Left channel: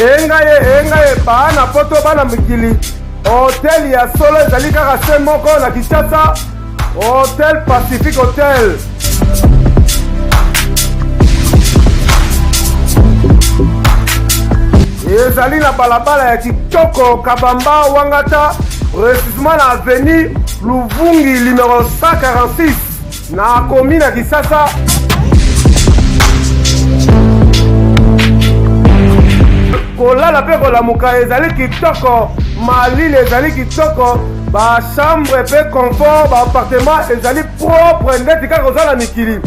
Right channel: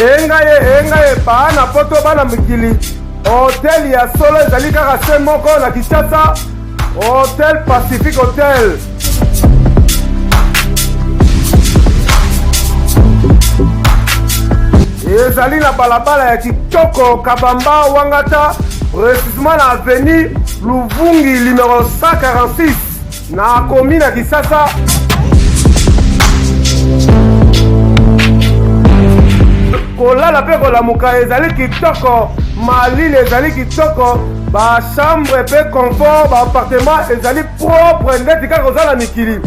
engaye bana poto bana mikili hotel ya solo ezali kaka se moko na Kinshasa, Hotel Pacific Hotel. Ezali na balabala ya Kitoko Kabamba Wangata, précisément na avenue Luvungi numéro 146 na commune ya Kinshasa. Kolala pe kolamuka ezali kitoko, malili ezali kitoko, ba chambre pe confort, ba appartement ezali propre ndeti kaka kozala mikili.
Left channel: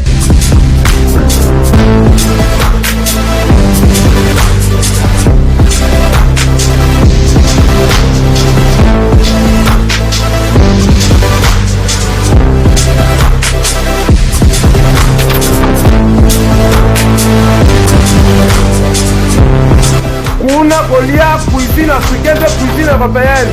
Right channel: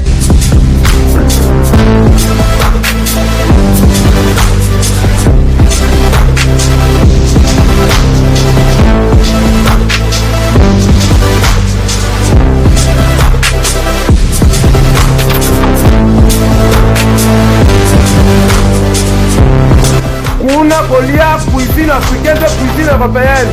Kuna kolia cuisine africaine de cuisine européenne.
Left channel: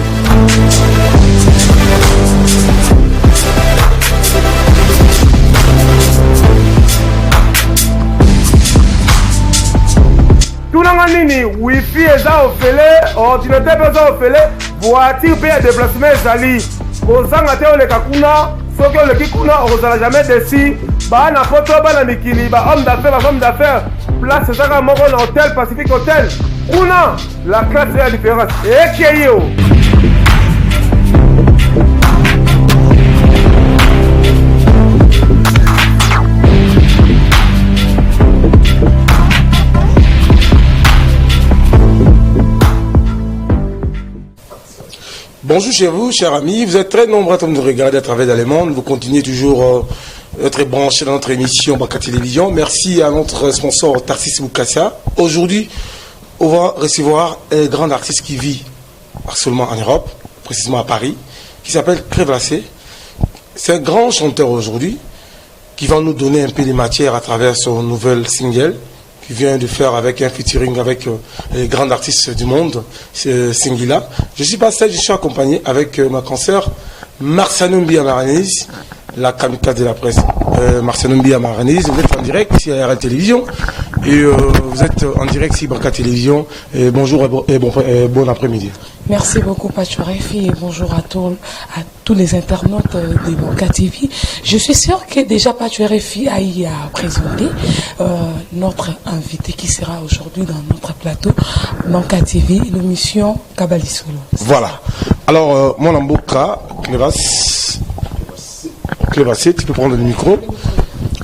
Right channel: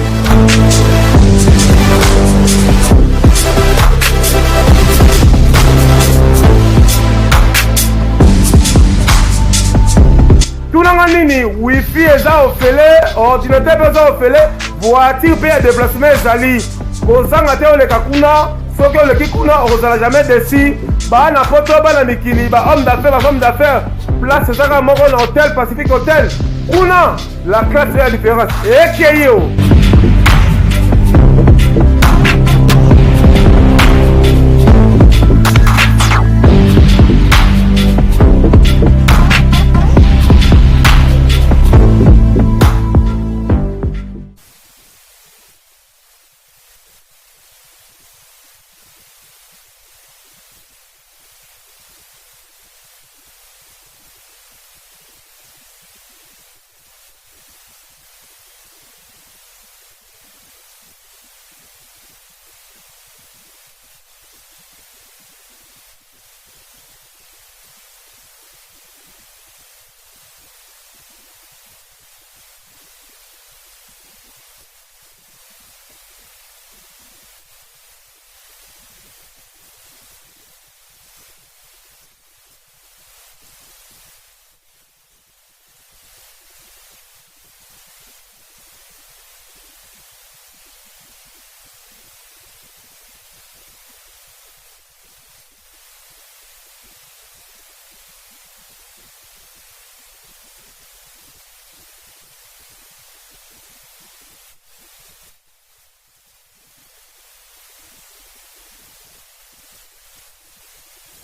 Tunanga nini wifi eza ofele, ordinateur eza ofele, voiture pe ya déplacement ezali. Kozanga te oleka kuna, soki oleki kuna ozala jamais déçu. Bana poto bana mikili, ba homme d'affaires, ba femme d'affaires. Place ezaka moko na Hotel Pacific Hotel. Una, la classe est la différence. Et qui est yo? Bonjour chez vous, chers amis. Vous êtes très nombreux à nous regarder à travers le monde. Vous continuez toujours d'être branchés dans notre émission Baka Télévision. Merci à notre sponsor Tarsis Boukassia. Aujourd'hui, on va recevoir un grand artiste qui vit seulement en Europe, précisément à Paris, qui s'appelle Clévassé. C'est un grand chanteur aujourd'hui qui va nous donner un peu de matière à travers son nouvel single qu'il vient de faire avec un featuring avec les grands artistes du monde, Singila. Je suis pas seul, je suis accompagné avec ma consoeur Marcianoumbi Amaranese, la kamikaze de la presse. Marcianoumbi Amaranese, vous êtes en direct ici à RL Télévision. Et vous êtes en direct sur Baka Télévision. Et bonjour et bon après-midi. Merci beaucoup Pachourefi et bonjour à tous les internautes de Baka TV. Je suis sûr que déjà Pachourefi a présenté notre invité qui sera aujourd'hui dans notre plateau Baka TV, l'émission Kabalisolo. Voilà. Alors, mon amboka, Clévassé, tu peux prendre le micro.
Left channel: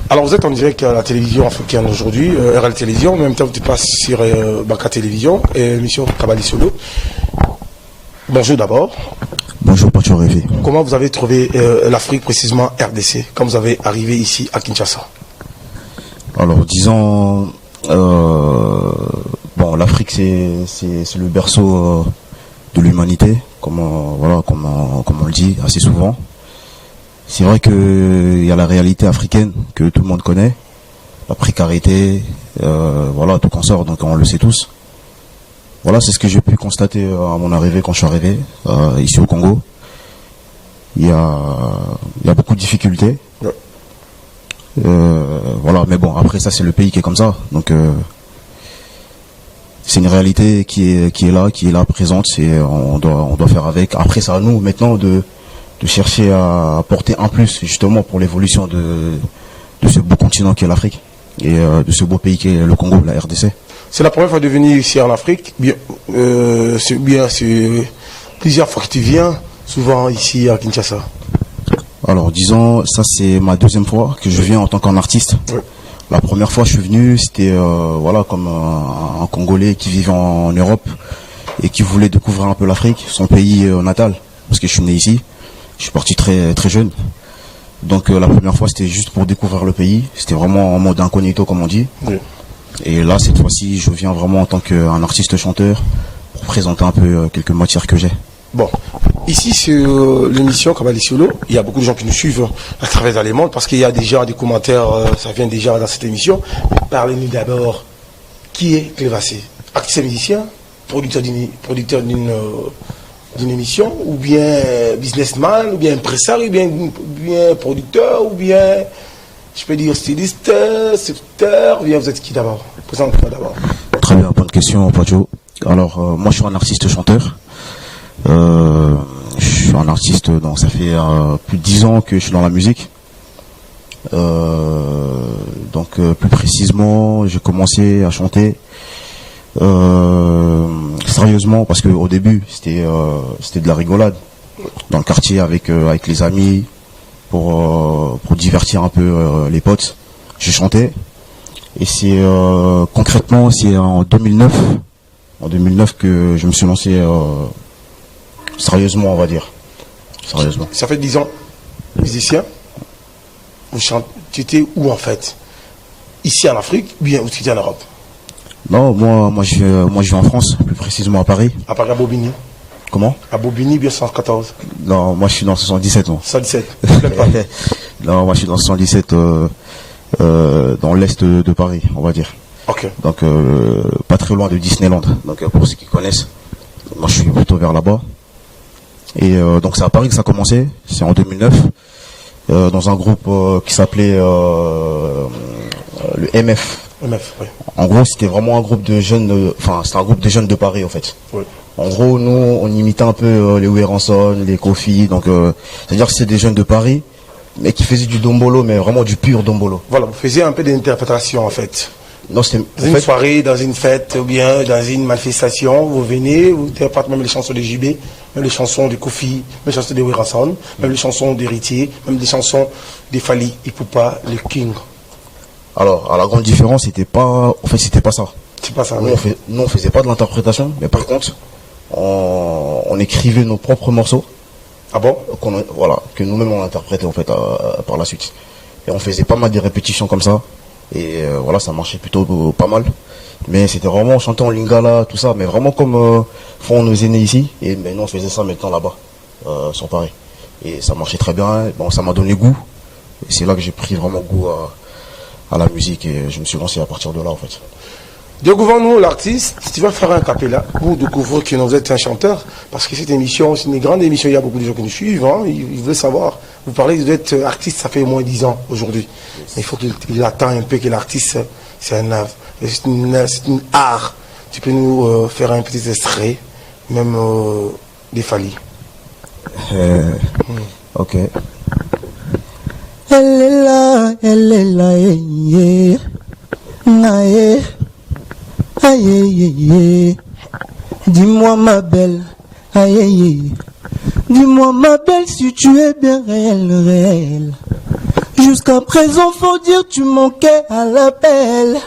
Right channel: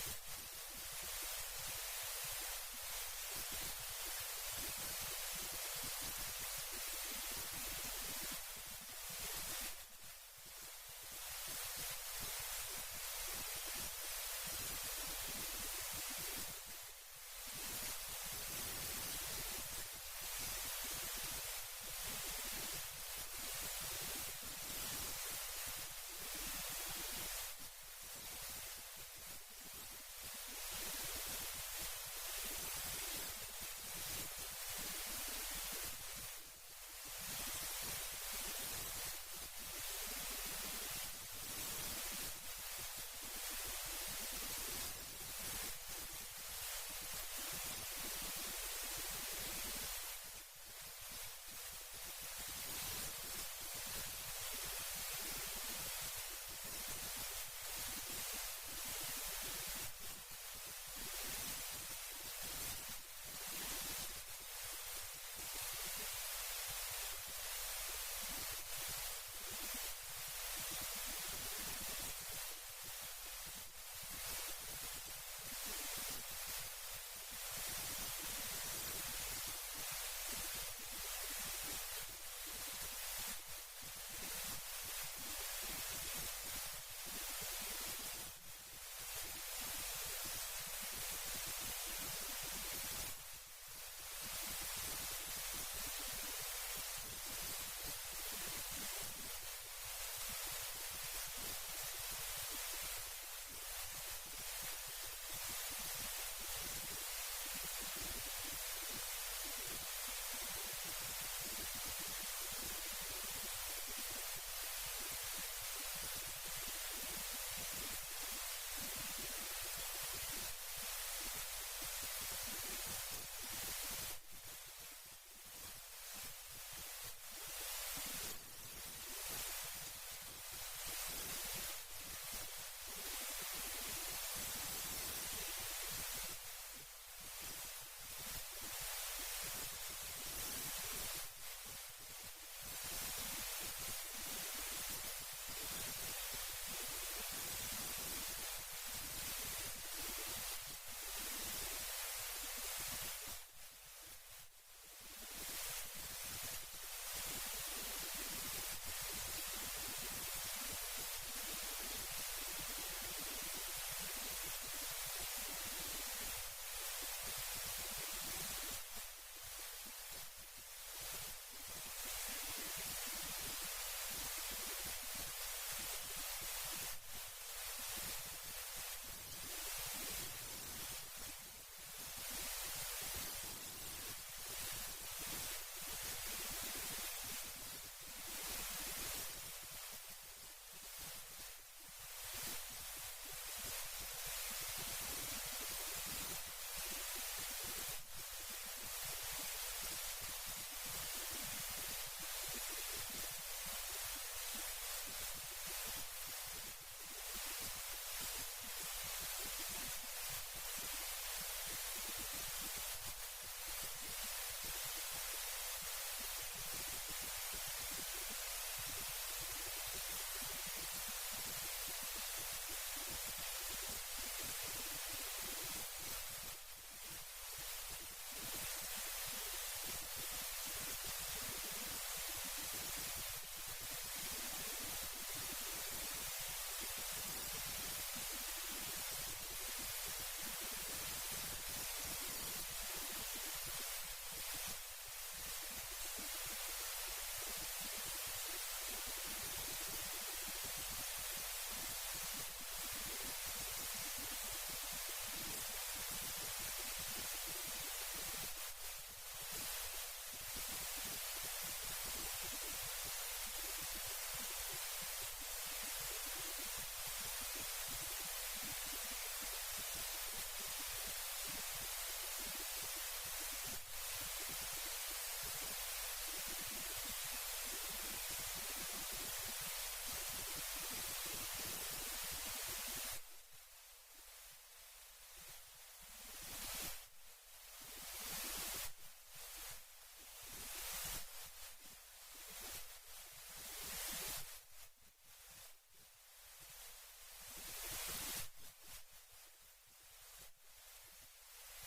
Alors vous êtes en direct à la télévision africaine aujourd'hui, RL Télévision, en même temps tu passes sur Baka Télévision et l'émission Kabalisolo. Bonjour d'abord. Bonjour Pachourefi. Comment vous avez trouvé l'Afrique, précisément RDC, quand vous avez arrivé ici à Kinshasa? Alors disons, bon, l'Afrique c'est le berceau de l'humanité, comme on le dit assez souvent. C'est vrai qu'il y a la réalité africaine que tout le monde connaît, la précarité, voilà, tout consort, donc on le sait tous. Voilà, c'est ce que j'ai pu constater à mon arrivée, quand je suis arrivé ici au Congo. Il y a beaucoup de difficultés. Voilà, mais bon, après ça c'est le pays qui est comme ça, donc c'est une réalité qui est là, présente, on doit faire avec. Après c'est à nous maintenant de chercher à apporter un plus justement pour l'évolution de ce beau continent qui est l'Afrique et de ce beau pays qui est le Congo, la RDC. C'est la première fois de venir ici en Afrique. C'est plusieurs fois que tu viens, souvent ici à Kinshasa. Alors disons, ça c'est ma deuxième fois que je viens en tant qu'artiste. Oui. La première fois je suis venu, c'était voilà, comme un Congolais qui vivait en Europe et qui voulait découvrir un peu l'Afrique, son pays natal, parce que je suis né ici. Je suis parti très très jeune, donc la première fois c'était juste pour découvrir le pays, c'était vraiment en mode incognito comme on dit. Oui. Et là cette fois-ci je viens vraiment en tant qu'un artiste chanteur pour présenter un peu quelques matières que j'ai. Bon, ici sur l'émission Kabalisolo, il y a beaucoup de gens qui nous suivent à travers le monde parce qu'il y a déjà des commentaires, ça vient déjà dans cette émission. Mais parlez-nous d'abord, qui est Clévassé? Artiste musicien, producteur d'une émission, ou bien businessman, ou bien impresario, ou bien producteur, ou bien, je peux dire, styliste, secteur, ou bien vous êtes qui d'abord? Présente-moi d'abord. Très bien, bonne question, Pacho. Alors, moi, je suis un artiste chanteur. Je suis un artiste, donc ça fait plus de 10 ans que je suis dans la musique. Donc, plus précisément, j'ai commencé à chanter sérieusement, parce qu'au début, c'était de la rigolade dans le quartier avec les amis pour divertir un peu les potes. Je chantais. Et c'est concrètement, c'est en 2009 que je me suis lancé sérieusement, on va dire. Sérieusement. Ça fait 10 ans, musicien. Vous chantez, tu étais où en fait? Ici en Afrique, bien, ou tu étais en Europe? Non, moi je vis en France, plus précisément à Paris. À Paris, à Bobigny. Comment? À Bobigny, bien 114. Non, moi je suis dans 77. Non, 117. non, moi je suis dans 77, dans l'est de Paris, on va dire. Ok. Donc pas très loin de Disneyland. Donc pour ceux qui connaissent, moi je suis plutôt vers là-bas. Et donc c'est à Paris que ça a commencé, c'est en 2009, dans un groupe qui s'appelait le MF. MF, oui. En gros, c'était vraiment un groupe de jeunes, c'était un groupe de jeunes de Paris, en fait. Oui. En gros, nous, on imitait un peu les Weranson, les Kofi, donc c'est-à-dire que c'était des jeunes de Paris, mais qui faisaient du dombolo, mais vraiment du pur dombolo. Voilà, vous faisiez un peu d'interprétation, en fait. Non, c'était Dans une soirée, dans une fête, ou bien dans une manifestation, vous venez, vous interprétez même les chansons de JB, même les chansons de Kofi, même les chansons de Weranson, même les chansons d'Héritier, même les chansons des Fally Ipupa, les King. Alors, la grande différence, c'était pas ça. C'est pas ça, Nous, on faisait pas de l'interprétation, mais par contre, on écrivait nos propres morceaux. Ah bon? Que nous-mêmes on interprétait en fait par la suite. Et on faisait pas mal de répétitions comme ça. Et voilà, ça marchait plutôt pas mal. Mais c'était vraiment, on chantait en lingala, tout ça, mais vraiment comme font nos aînés ici. Et maintenant on faisait ça maintenant là-bas, sur Paris. Et ça marchait très bien. Bon, ça m'a donné goût. Et c'est là que j'ai pris vraiment goût à la musique et je me suis lancé à partir de là en fait. Découvrons-nous l'artiste. Si tu vas faire un capella, vous découvrez que vous êtes un chanteur, parce que cette émission, c'est une grande émission, il y a beaucoup de gens qui nous suivent, hein, ils veulent savoir. Vous parlez, vous êtes artiste, ça fait au moins 10 ans aujourd'hui. Il faut qu'il attend un peu que l'artiste, c'est un art. C'est une art. Tu peux nous faire un petit extrait, même des Fally. Ok. Elle est là, yeah. Aïe, aïe. Dis-moi ma belle, aïe. Dis-moi ma belle si tu es bien réelle. Jusqu'à présent faut dire tu manquais à l'appel.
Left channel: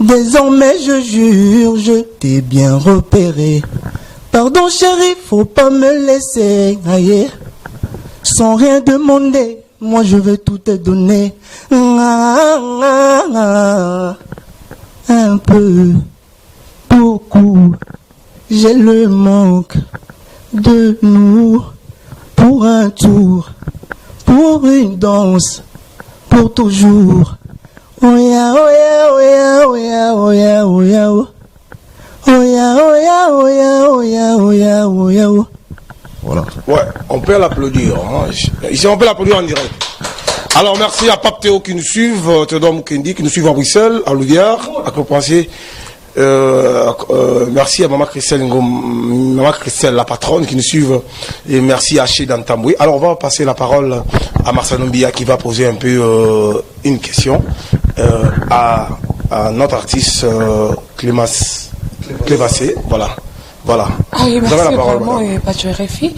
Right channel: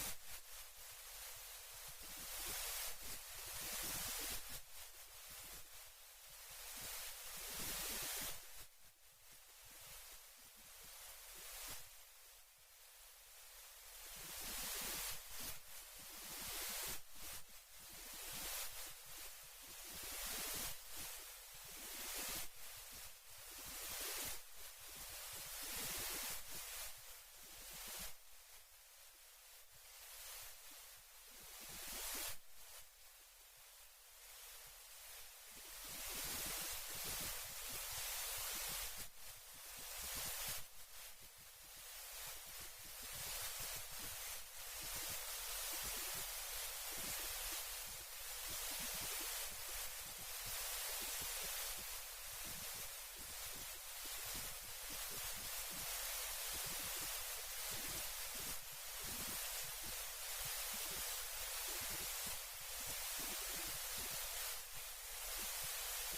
Désormais je jure, je t'ai bien repéré. Pardon chérie, faut pas me laisser, aïe. Sans rien demander, moi je veux tout te donner. Un peu, beaucoup, j'ai le manque de nous. Pour un tour, pour une danse, pour toujours. Oh ya, oh ya, oh ya, oh ya, oh ya, oh ya, oh. Oh ya, oh ya, oh ya, oh ya, oh ya, oh ya, oh. Voilà. Ouais, on peut l'applaudir. Hein. Ici, on peut l'applaudir en direct. Alors, merci à Pape Théo qui nous suivent, Théodore Mukendi qui nous suivent à Bruxelles, à Louvière, à Copenhague. Merci à Maman Christelle, la patronne qui nous suivent, et merci à Chez Dantamboui. Alors, on va passer la parole à Marcel Mbia qui va poser un peu une question à notre artiste Clévassé. Voilà. Voilà. Ah oui, Vous merci avez la parole, vraiment, madame. Patio RFI.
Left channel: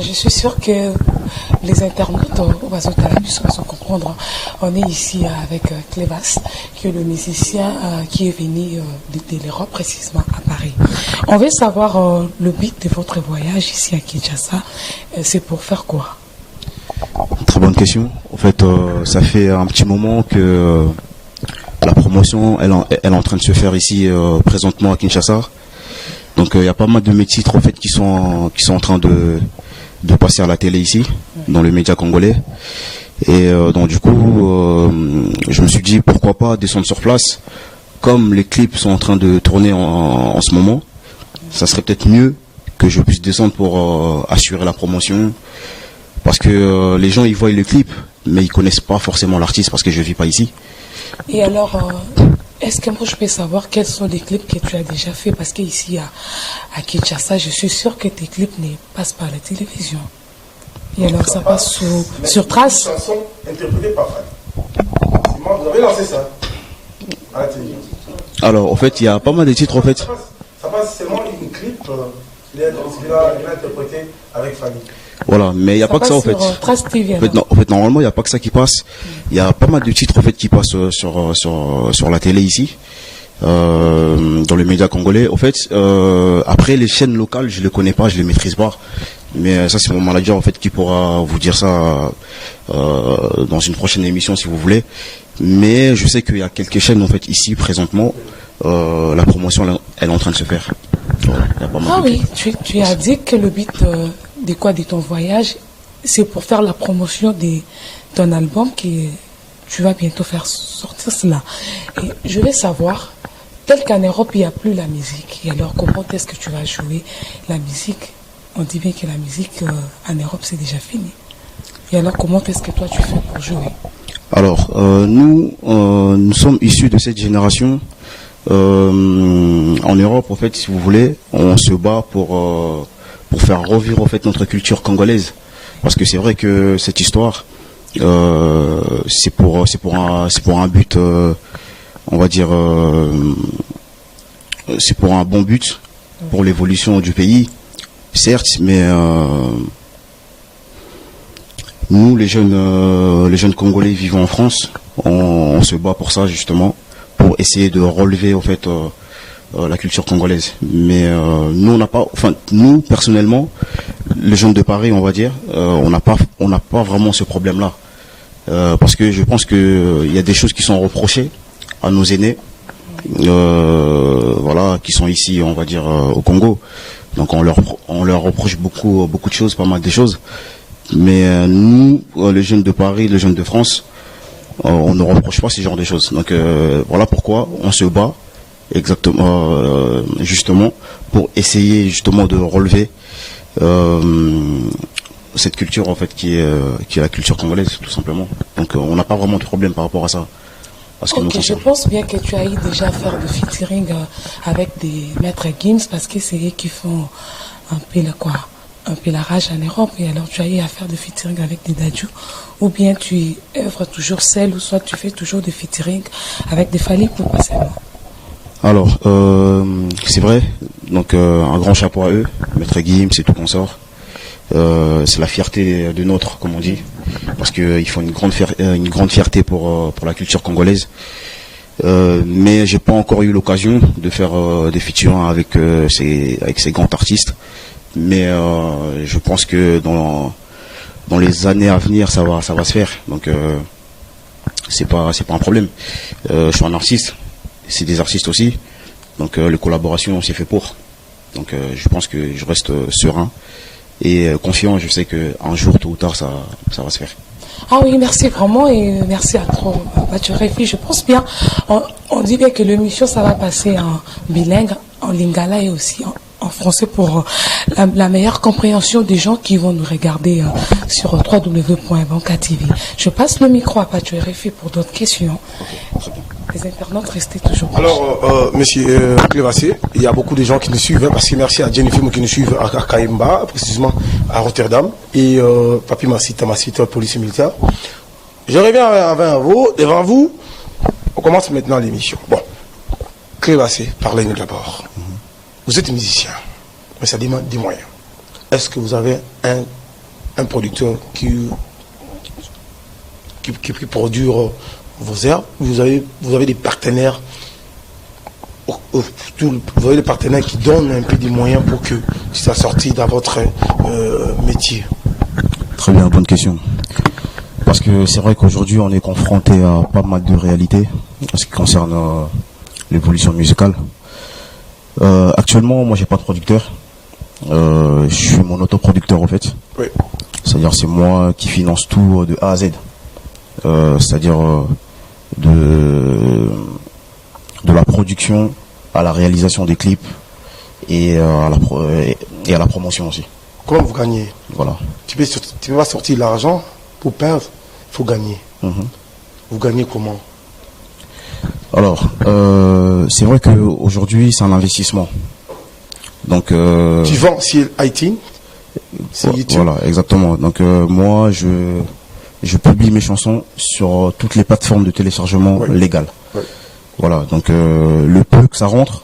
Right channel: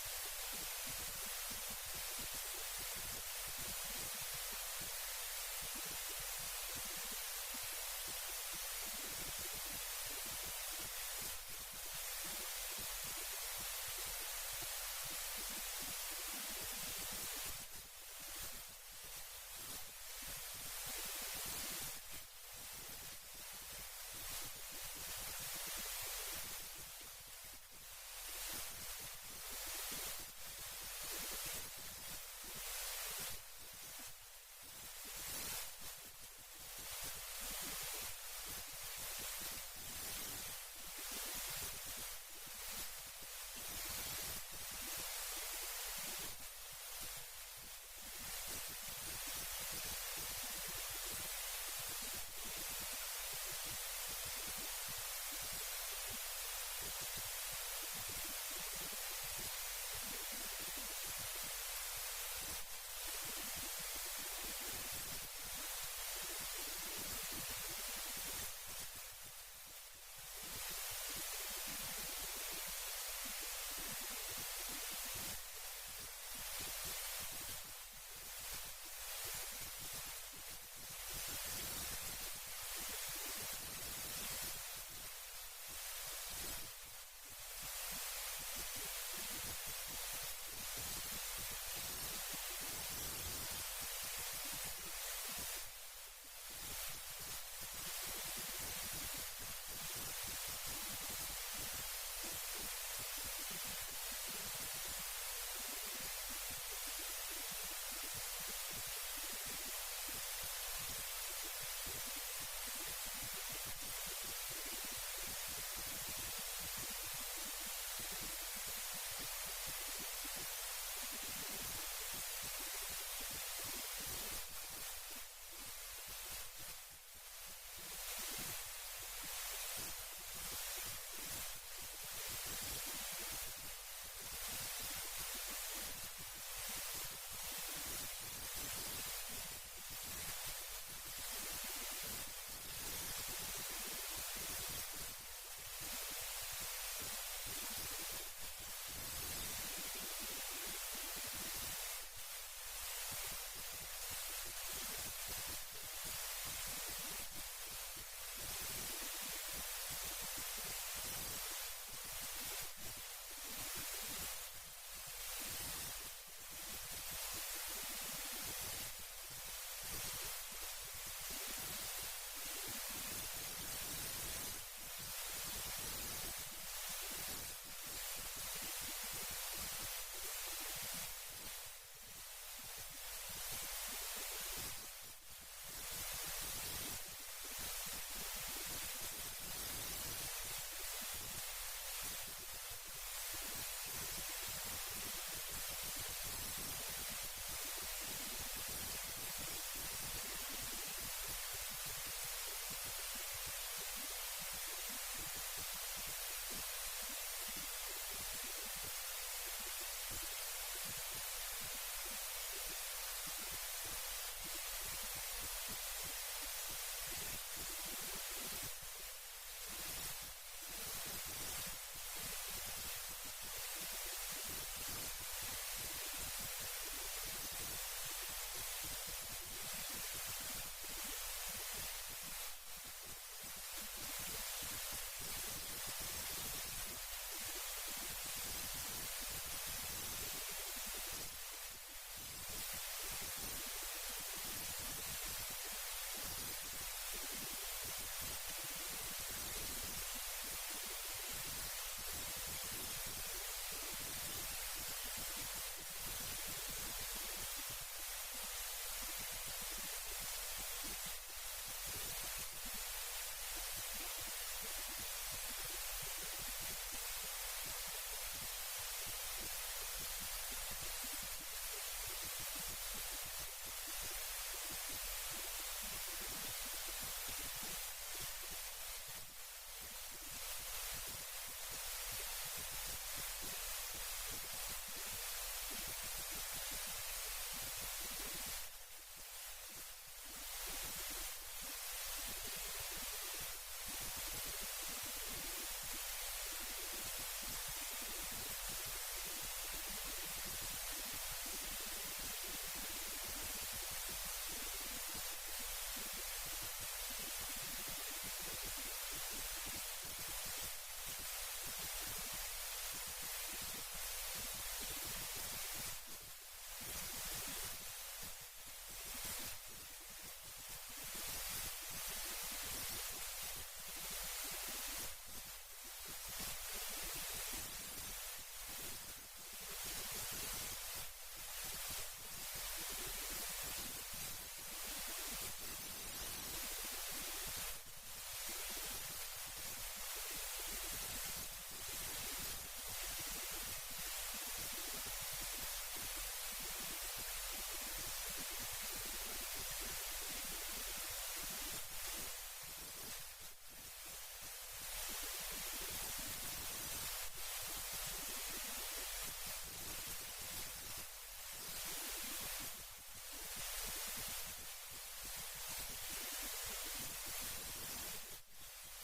Je suis sûre que les internautes au Vazotalabus vont comprendre. On est ici avec Clévas, qui est le musicien qui est venu de l'Europe, précisément à Paris. On veut savoir le but de votre voyage ici à Kinshasa. C'est pour faire quoi? Très bonne question. En fait, ça fait un petit moment que la promotion, elle est en train de se faire ici présentement à Kinshasa. Donc il y a pas mal de mes titres en fait qui sont en train de passer à la télé ici, dans le média congolais. Et donc du coup, je me suis dit pourquoi pas descendre sur place. Comme les clips sont en train de tourner en ce moment, ça serait peut-être mieux que je puisse descendre pour assurer la promotion. Parce que les gens ils voient le clip, mais ils connaissent pas forcément l'artiste parce que je vis pas ici. Et alors, est-ce que moi je peux savoir quels sont les clips que tu as déjà fait? Parce qu'ici à Kinshasa, je suis sûr que tes clips ne passent pas à la télévision. Et alors ça passe sur Trace. Une chanson interprétée par Fanny. Vous avez lancé ça à la télévision. Alors, en fait, il y a pas mal de titres, en fait. Ça passe seulement une clip, il a interprété avec Fanny. Voilà, mais il n'y a pas que ça, en fait. Sur Trace TV, En fait, normalement, il n'y a pas que ça qui passe. Il y a pas mal de titres, en fait, qui passent sur la télé ici, dans les médias congolais. En fait, après, les chaînes locales, je les connais pas, je les maîtrise pas. Mais ça, c'est mon manager, en fait, qui pourra vous dire ça dans une prochaine émission, si vous voulez. Mais je sais qu'il y a quelques chaînes, en fait, ici, présentement, la promotion, elle est en train de se faire. Voilà, il y a pas mal de clips. tu as dit que le but de ton voyage, c'est pour faire la promotion de ton album que tu vas bientôt faire sortir cela. Et je vais savoir, tel qu'en Europe, il n'y a plus la musique. Et alors, comment est-ce que tu vas jouer la musique? On dit bien que la musique en Europe, c'est déjà fini. Et alors, comment est-ce que toi, tu fais pour jouer? Alors, nous sommes issus de cette génération. En Europe, en fait, si vous voulez, on se bat pour faire revivre, en fait, notre culture congolaise. Parce que c'est vrai que cette histoire, c'est pour un but, on va dire, c'est pour un bon but, pour l'évolution du pays, certes, mais nous, les jeunes Congolais vivant en France, on se bat pour ça, justement, pour essayer de relever, en fait, la culture congolaise. Mais nous, on n'a pas, enfin, nous, personnellement, les jeunes de Paris, on va dire, on n'a pas vraiment ce problème-là. Parce que je pense qu'il y a des choses qui sont reprochées à nos aînés, voilà, qui sont ici, on va dire, au Congo. Donc on leur reproche beaucoup de choses, pas mal de choses. Mais nous, les jeunes de Paris, les jeunes de France, on ne reproche pas ce genre de choses. Donc voilà pourquoi on se bat exactement, justement, pour essayer justement de relever cette culture, en fait, qui est la culture congolaise, tout simplement. Donc on n'a pas vraiment de problème par rapport à ça. Ok, je pense bien que tu as eu déjà faire de featuring avec des maîtres Gims, parce que c'est eux qui font un peu la rage en Europe. Et alors tu as eu à faire de featuring avec des Dadju, ou bien tu œuvres toujours seul, ou soit tu fais toujours des featuring avec des Fally Ipupa seulement? Alors, c'est vrai, donc un grand chapeau à eux, maître Gims et tout consort. C'est la fierté de notre, comme on dit, parce qu'ils font une grande fierté pour la culture congolaise. Mais j'ai pas encore eu l'occasion de faire des featuring avec ces grands artistes. Mais je pense que dans les années à venir, ça va se faire. Donc c'est pas un problème. Je suis un artiste, c'est des artistes aussi. Donc les collaborations, c'est fait pour. Donc je pense que je reste serein et confiant. Je sais qu'un jour, tôt ou tard, ça va se faire. Ah oui, merci vraiment, et merci à toi, Bachurefi. Je pense bien, on dit bien que l'émission, ça va passer en bilingue, en lingala et aussi en français pour la meilleure compréhension des gens qui vont nous regarder sur www.banka TV. Je passe le micro à Bachurefi pour d'autres questions. Les internautes, restez toujours. Alors, monsieur Clévassé, il y a beaucoup de gens qui nous suivent, hein, parce que merci à Jennifer qui nous suivent à Kaimba, précisément à Rotterdam, et Papi Massita, police militaire. Je reviens devant vous. On commence maintenant l'émission. Bon, Clévassé, parlez-nous d'abord. Vous êtes musicien, mais ça demande des moyens. Est-ce que vous avez un producteur qui produit vos airs? Vous avez des partenaires, vous avez des partenaires qui donnent un peu des moyens pour que ça sorte dans votre métier? Très bien, bonne question. Parce que c'est vrai qu'aujourd'hui on est confronté à pas mal de réalités en ce qui concerne l'évolution musicale. Actuellement, moi j'ai pas de producteur. Je suis mon autoproducteur, en fait. Oui. C'est-à-dire c'est moi qui finance tout de A à Z. C'est-à-dire de la production à la réalisation des clips et à la promotion aussi. Comment vous gagnez? Voilà. Tu peux pas sortir l'argent pour perdre, il faut gagner. Vous gagnez comment? Alors, c'est vrai qu'aujourd'hui, c'est un investissement. Donc, Tu vends sur iTunes, sur YouTube. voilà, exactement. Donc, moi, je publie mes chansons sur toutes les plateformes de téléchargement légales. Ouais. Voilà, donc le peu que ça rentre,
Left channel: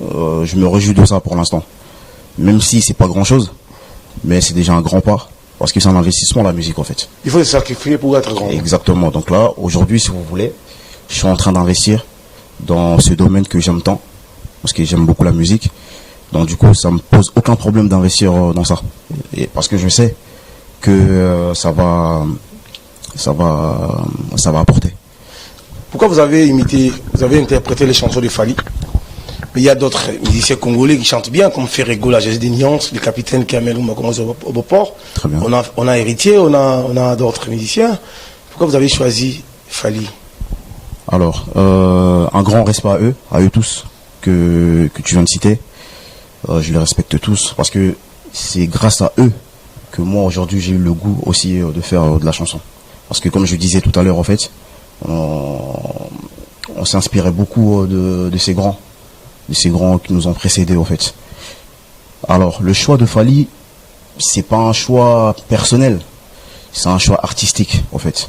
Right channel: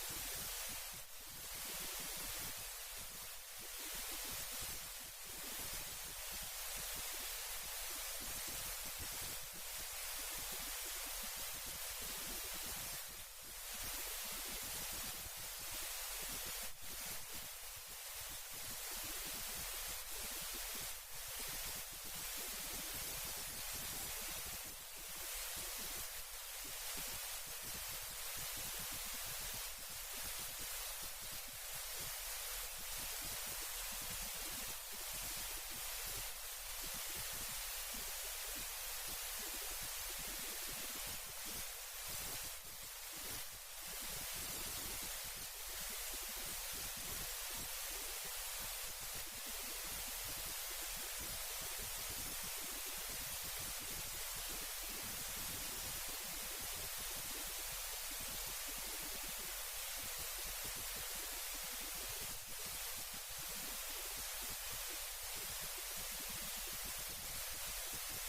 je me réjouis de ça pour l'instant. Même si c'est pas grand-chose, mais c'est déjà un grand pas. Parce que c'est un investissement, la musique, en fait. Il faut se sacrifier pour être grand. Exactement. Donc là, aujourd'hui, si vous voulez, je suis en train d'investir dans ce domaine que j'aime tant, parce que j'aime beaucoup la musique. Donc du coup, ça me pose aucun problème d'investir dans ça. Et parce que je sais que ça va apporter. Pourquoi vous avez interprété les chansons de Fally? Mais il y a d'autres musiciens congolais qui chantent bien, comme Ferrego, la Jazz des Nuances, le capitaine Kamel au Beauport. Très bien. On a Héritier, on a d'autres musiciens. Pourquoi vous avez choisi Fally? Alors, un grand respect à eux tous que tu viens de citer. Je les respecte tous parce que c'est grâce à eux que moi aujourd'hui j'ai eu le goût aussi de faire de la chanson. Parce que comme je disais tout à l'heure, en fait, on s'inspirait beaucoup de ces grands qui nous ont précédés, en fait. Alors, le choix de Fally, c'est pas un choix personnel, c'est un choix artistique, en fait.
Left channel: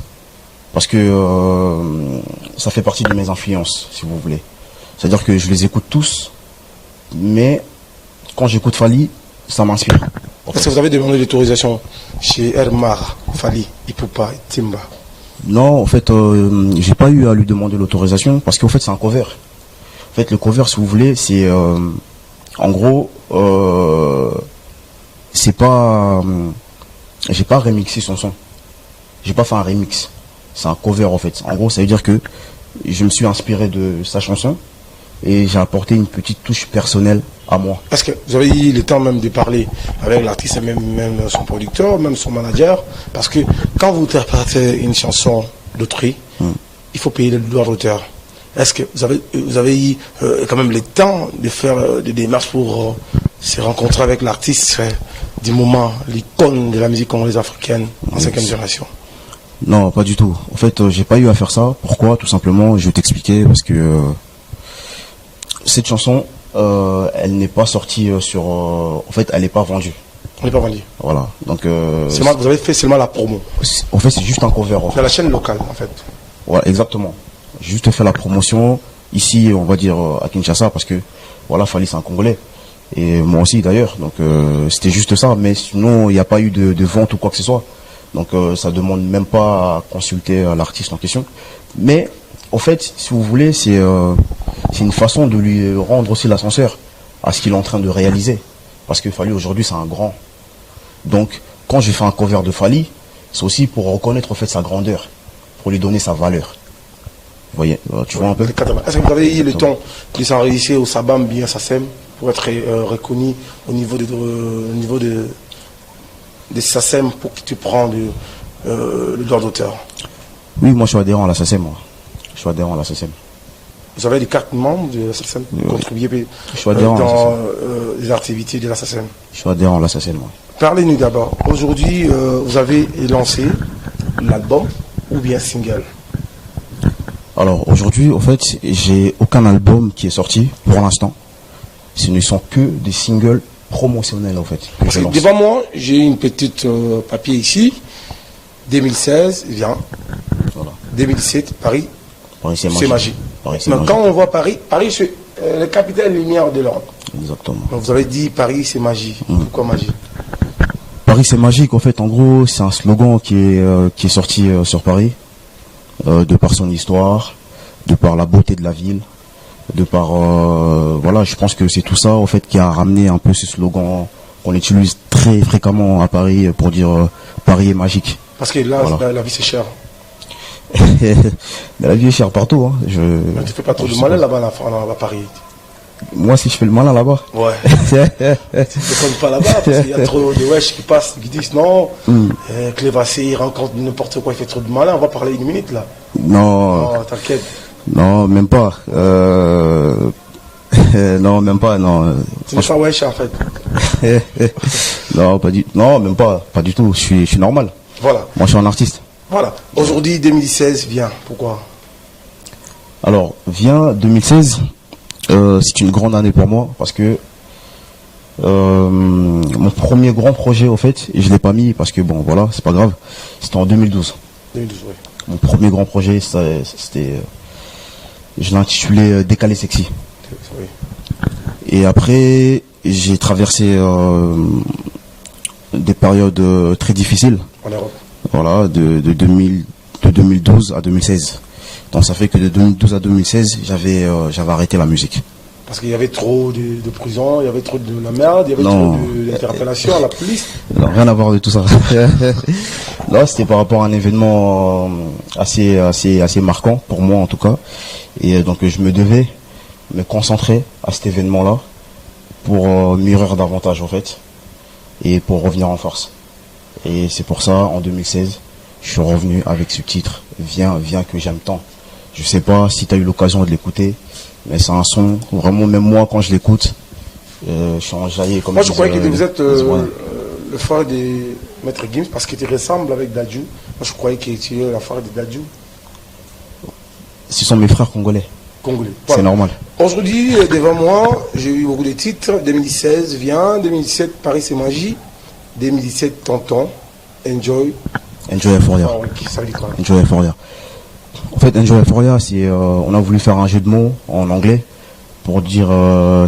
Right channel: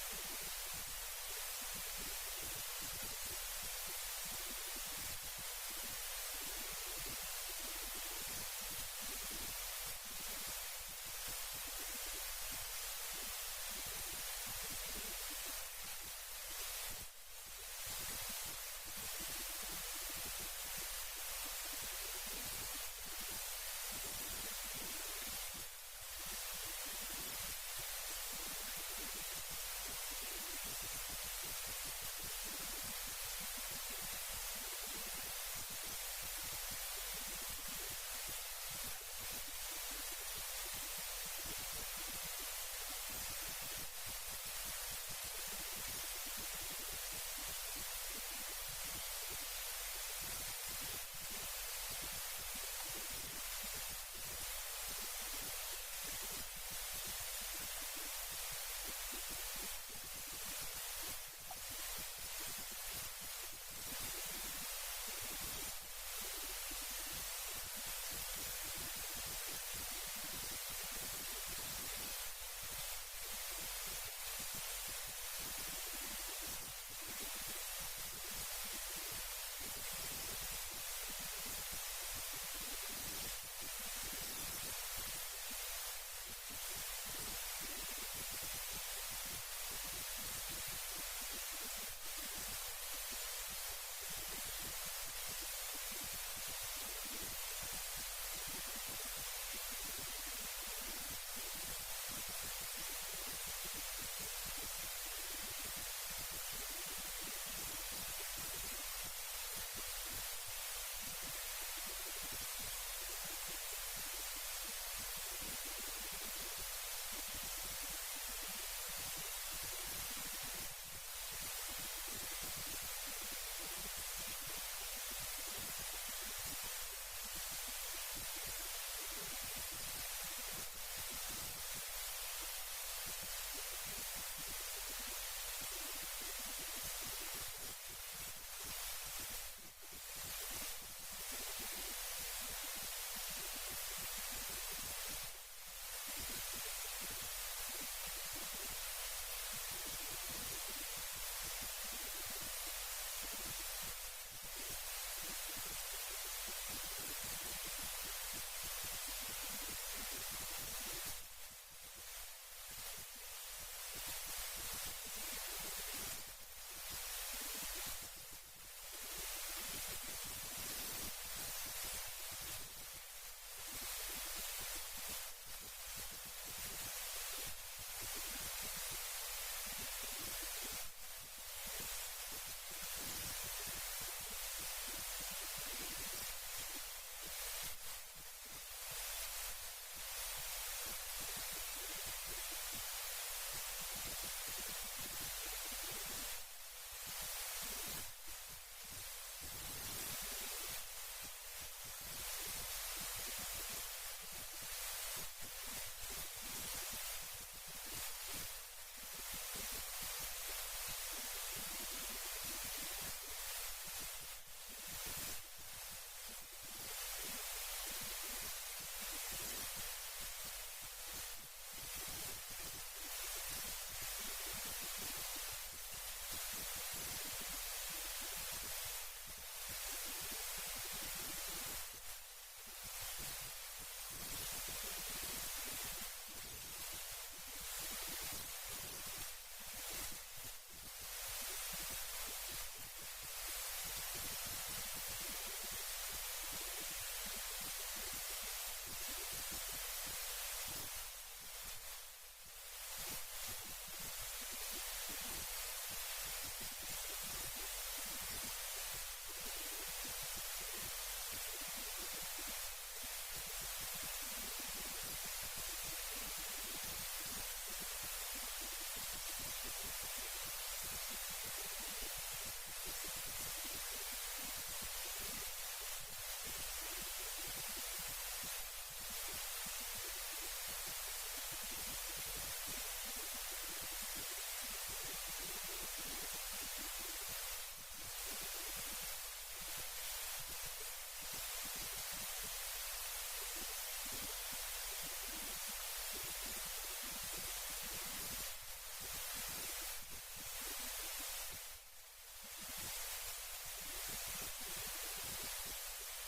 Parce que ça fait partie de mes influences, si vous voulez. C'est-à-dire que je les écoute tous, mais quand j'écoute Fally, ça m'inspire. Est-ce que vous avez demandé l'autorisation chez Hermar, Fally, Ipupa et Timba? Non, en fait, j'ai pas eu à lui demander l'autorisation parce qu'en fait, c'est un cover. En fait, le cover, si vous voulez, c'est en gros, c'est pas, j'ai pas remixé son son. J'ai pas fait un remix. C'est un cover en fait. En gros, ça veut dire que je me suis inspiré de sa chanson et j'ai apporté une petite touche personnelle à moi. Est-ce que vous avez eu le temps même de parler avec l'artiste, même son producteur, même son manager? Parce que quand vous interprétez une chanson d'autrui, il faut payer le droit d'auteur. Est-ce que vous avez eu quand même le temps de faire des démarches pour se rencontrer avec l'artiste du moment, l'icône de la musique congolaise africaine en 5e génération? Non, pas du tout. En fait, j'ai pas eu à faire ça. Pourquoi? Tout simplement, je vais t'expliquer parce que cette chanson, elle n'est pas sortie sur. En fait, elle n'est pas vendue. On n'est pas vendu. Voilà. Donc. Vous avez fait seulement la promo. En fait, c'est juste un cover. C'est la chaîne locale, en fait. Voilà, exactement. J'ai juste fait la promotion ici, on va dire à Kinshasa, parce que voilà, Fally c'est un Congolais. Et moi aussi d'ailleurs. Donc c'était juste ça. Mais sinon, il n'y a pas eu de vente ou quoi que ce soit. Donc ça demande même pas à consulter l'artiste en question. Mais en fait, si vous voulez, c'est une façon de lui rendre aussi l'ascenseur à ce qu'il est en train de réaliser. Parce que Fally aujourd'hui c'est un grand. Donc quand j'ai fait un cover de Fally, c'est aussi pour reconnaître en fait sa grandeur, pour lui donner sa valeur. Vous voyez, tu vois un peu. Est-ce que vous avez eu le temps de s'enregistrer au Sabam bien Sassem pour être reconnu au niveau de Sassem pour que tu prends le droit d'auteur? Oui, moi je suis adhérent à la SACEM. Je suis adhérent à la SACEM. Vous avez des cartes membres de la SACEM pour contribuer dans les activités de la SACEM? Je suis adhérent à la SACEM. Parlez-nous d'abord. Aujourd'hui, vous avez lancé l'album ou bien single? Alors aujourd'hui, en fait, j'ai aucun album qui est sorti pour l'instant. Ce ne sont que des singles promotionnels en fait. Parce que devant moi, j'ai une petite papier ici. 2016, viens. Voilà. 2007, Paris. Paris c'est C'est magique. magique. Donc quand on voit Paris, c'est le capitaine lumière de l'ordre. Exactement. Donc vous avez dit Paris c'est magie. Pourquoi magie? Paris c'est magique en fait. En gros, c'est un slogan qui est sorti sur Paris. De par son histoire, de par la beauté de la ville, de par voilà, je pense que c'est tout ça en fait qui a ramené un peu ce slogan qu'on utilise très fréquemment à Paris pour dire Paris est magique. Parce que là, voilà. La vie c'est cher. La vie est chère partout. Hein. Tu ne fais pas trop de malin là-bas à Paris. Moi si je fais le malin là-bas. Ouais. Tu ne fais pas là-bas parce qu'il y a trop de wesh qui passent, qui disent non, Clévassé, il rencontre n'importe quoi, il fait trop de malin, on va parler une minute là. Non. Oh, t'inquiète. Non, même pas. Non, même pas, non. Tu n'es pas wesh en fait. Non, non, même pas du tout, je suis normal. Voilà. Moi je suis un artiste. Voilà. Aujourd'hui 2016 vient, pourquoi? Alors, Viens 2016, c'est une grande année pour moi parce que mon premier grand projet, au fait, et je l'ai pas mis parce que bon, voilà, c'est pas grave, c'était en 2012. 2012, oui. Mon premier grand projet, c'était, je l'ai intitulé Décalé Sexy. Oui. Et après, j'ai traversé des périodes très difficiles. En Europe. Voilà, de 2012 à 2016. Donc ça fait que de 2012 à 2016, j'avais arrêté la musique. Parce qu'il y avait trop de prison, il y avait trop de la merde, il y avait Non. trop d'interpellations à la police. Non, rien à voir de tout ça. Là, c'était par rapport à un événement assez marquant, pour moi en tout cas. Et donc je me devais me concentrer à cet événement-là pour mûrir davantage en fait. Et pour revenir en force. Et c'est pour ça, en 2016, je suis revenu avec ce titre, Viens que j'aime tant. Je sais pas si tu as eu l'occasion de l'écouter, mais c'est un son, vraiment, même moi, quand je l'écoute, je suis enjaillé. Comme Moi, je croyais que vous êtes voilà. le frère de Maître Gims, parce qu'il te ressemble avec Dadju. Moi, je croyais que tu es la frère de Dadju, Ce sont mes frères congolais, congolais. c'est Voilà. normal. Aujourd'hui, devant moi, j'ai eu beaucoup de titres. 2016, Viens. 2017, Paris c'est magie. 2017, Tonton. Enjoy. Enjoy Euphoria. Ah, oui, ça veut dire quoi? Enjoy Euphoria. En fait, Enjoy Euphoria, c'est, on a voulu faire un jeu de mots en anglais pour dire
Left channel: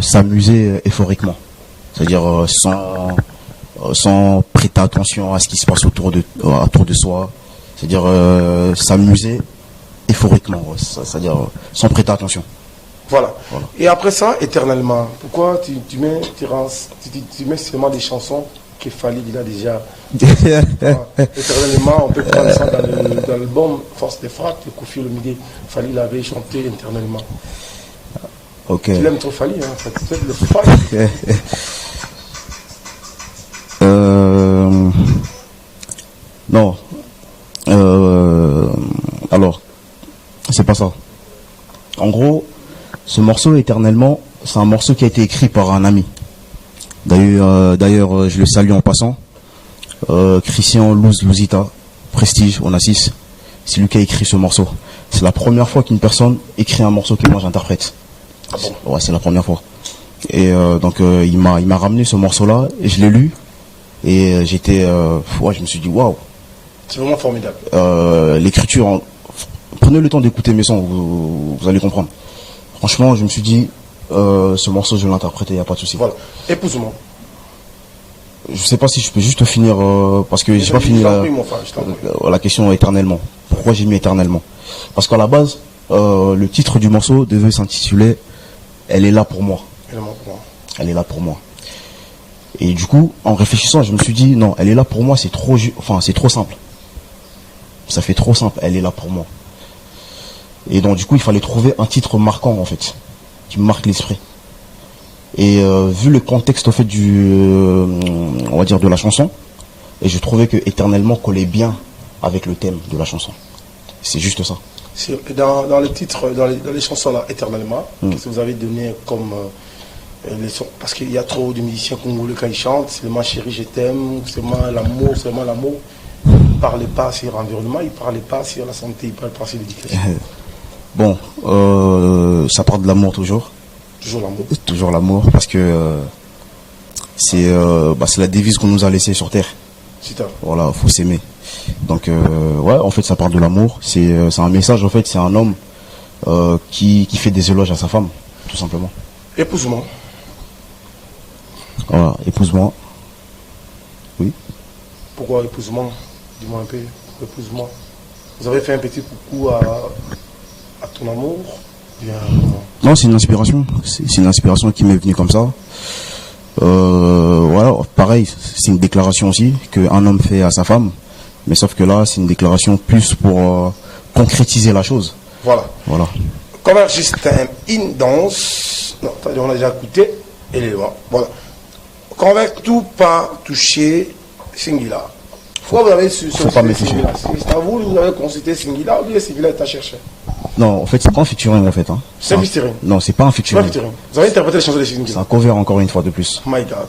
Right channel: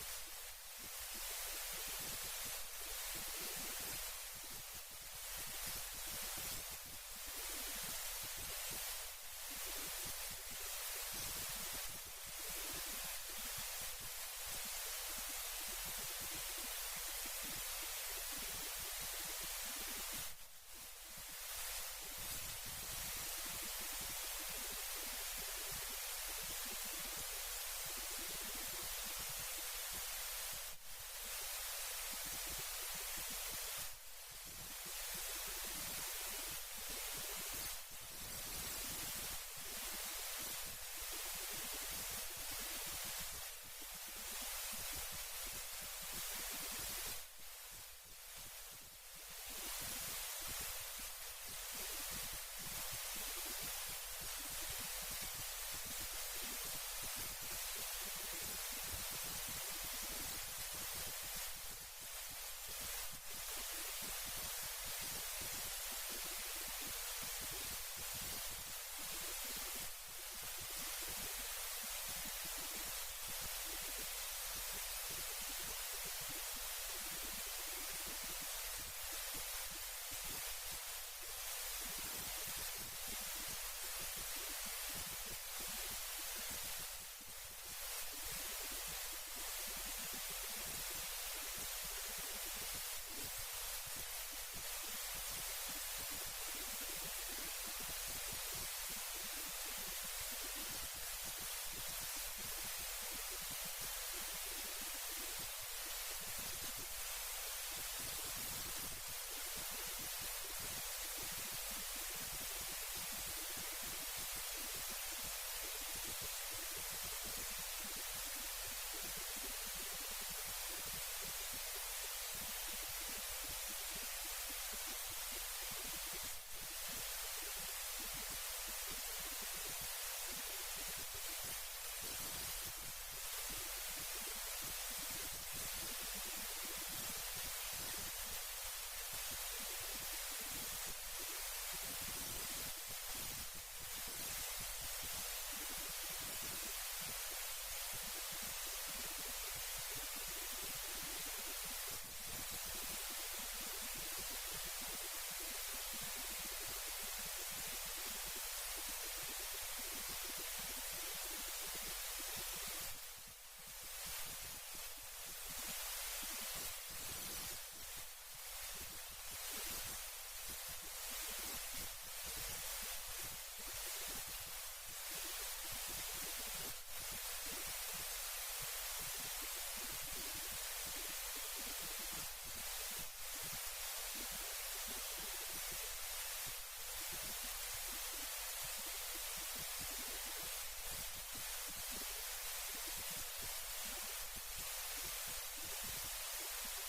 s'amuser euphoriquement. C'est-à-dire sans prêter attention à ce qui se passe autour de soi. C'est-à-dire s'amuser euphoriquement. Ouais. C'est-à-dire sans prêter attention. Voilà. Voilà. Et après ça, éternellement, pourquoi tu mets seulement des chansons que Fally il a déjà. Voilà. Éternellement, on peut prendre ça dans l'album Force des Frappes de Koffi Olomide. Fally l'avait chanté éternellement. Ok. Tu l'aimes trop Fally, hein? Ça, tu aimes le Fally. Non. Alors, c'est pas ça. En gros, ce morceau éternellement, c'est un morceau qui a été écrit par un ami. D'ailleurs, je le salue en passant. Christian Louzita, Prestige, Onassis. C'est lui qui a écrit ce morceau. C'est la première fois qu'une personne écrit un morceau que moi j'interprète. Ah bon? Ouais, c'est la première fois. Et donc il m'a ramené ce morceau-là et je l'ai lu et je me suis dit waouh. C'est vraiment formidable. L'écriture, prenez le temps d'écouter mes sons, vous allez comprendre. Franchement, je me suis dit ce morceau je vais l'interpréter, il n'y a pas de souci. Voilà. Épouse-moi. Je sais pas si je peux juste finir parce que j'ai pas fini la question éternellement. Pourquoi j'ai mis éternellement? Parce qu'à la base, le titre du morceau devait s'intituler Elle est là pour moi. Elle est là pour moi. Et du coup, en réfléchissant, je me suis dit non, elle est là pour moi, c'est trop simple. Ça fait trop simple, elle est là pour moi. Et donc du coup, il fallait trouver un titre marquant en fait, qui marque l'esprit. Et vu le contexte au fait on va dire de la chanson, et je trouvais que éternellement collait bien avec le thème de la chanson. C'est juste ça. Dans le titre, dans les chansons là, éternellement, qu'est-ce que vous avez donné comme les sons? Parce qu'il y a trop de musiciens congolais quand ils chantent, c'est seulement chérie je t'aime, seulement l'amour, seulement l'amour. Ils ne parlaient pas sur l'environnement, ils ne parlaient pas sur la santé, ils ne parlaient pas sur l'éducation. Bon, ça part de l'amour toujours. Toujours l'amour. Toujours l'amour, parce que c'est la devise qu'on nous a laissée sur Terre. Voilà, faut s'aimer. Donc, ouais, en fait, ça part de l'amour. C'est un message, en fait, c'est un homme qui fait des éloges à sa femme, tout simplement. Épouse-moi. Voilà, épouse-moi. Oui. Pourquoi épouse-moi? Dis-moi un peu. Épouse-moi. Vous avez fait un petit coucou à ton amour? Bien. Non, c'est une inspiration. C'est une inspiration qui m'est venue comme ça. Voilà, pareil, c'est une déclaration aussi qu'un homme fait à sa femme. Mais sauf que là, c'est une déclaration plus pour concrétiser la chose. Voilà. Comme juste une danse. Non, on a déjà écouté. Et les lois. Voilà. Convainc tout pas toucher Singila. Pourquoi vous avez faut pas me toucher. C'est à vous avez consulté Singila ou bien Singila est à chercher? Non, en fait, c'est pas un featuring en fait. Hein. C'est un featuring. Non, c'est pas un featuring. Vous avez interprété les chansons de Singila. C'est un cover encore une fois de plus. My God.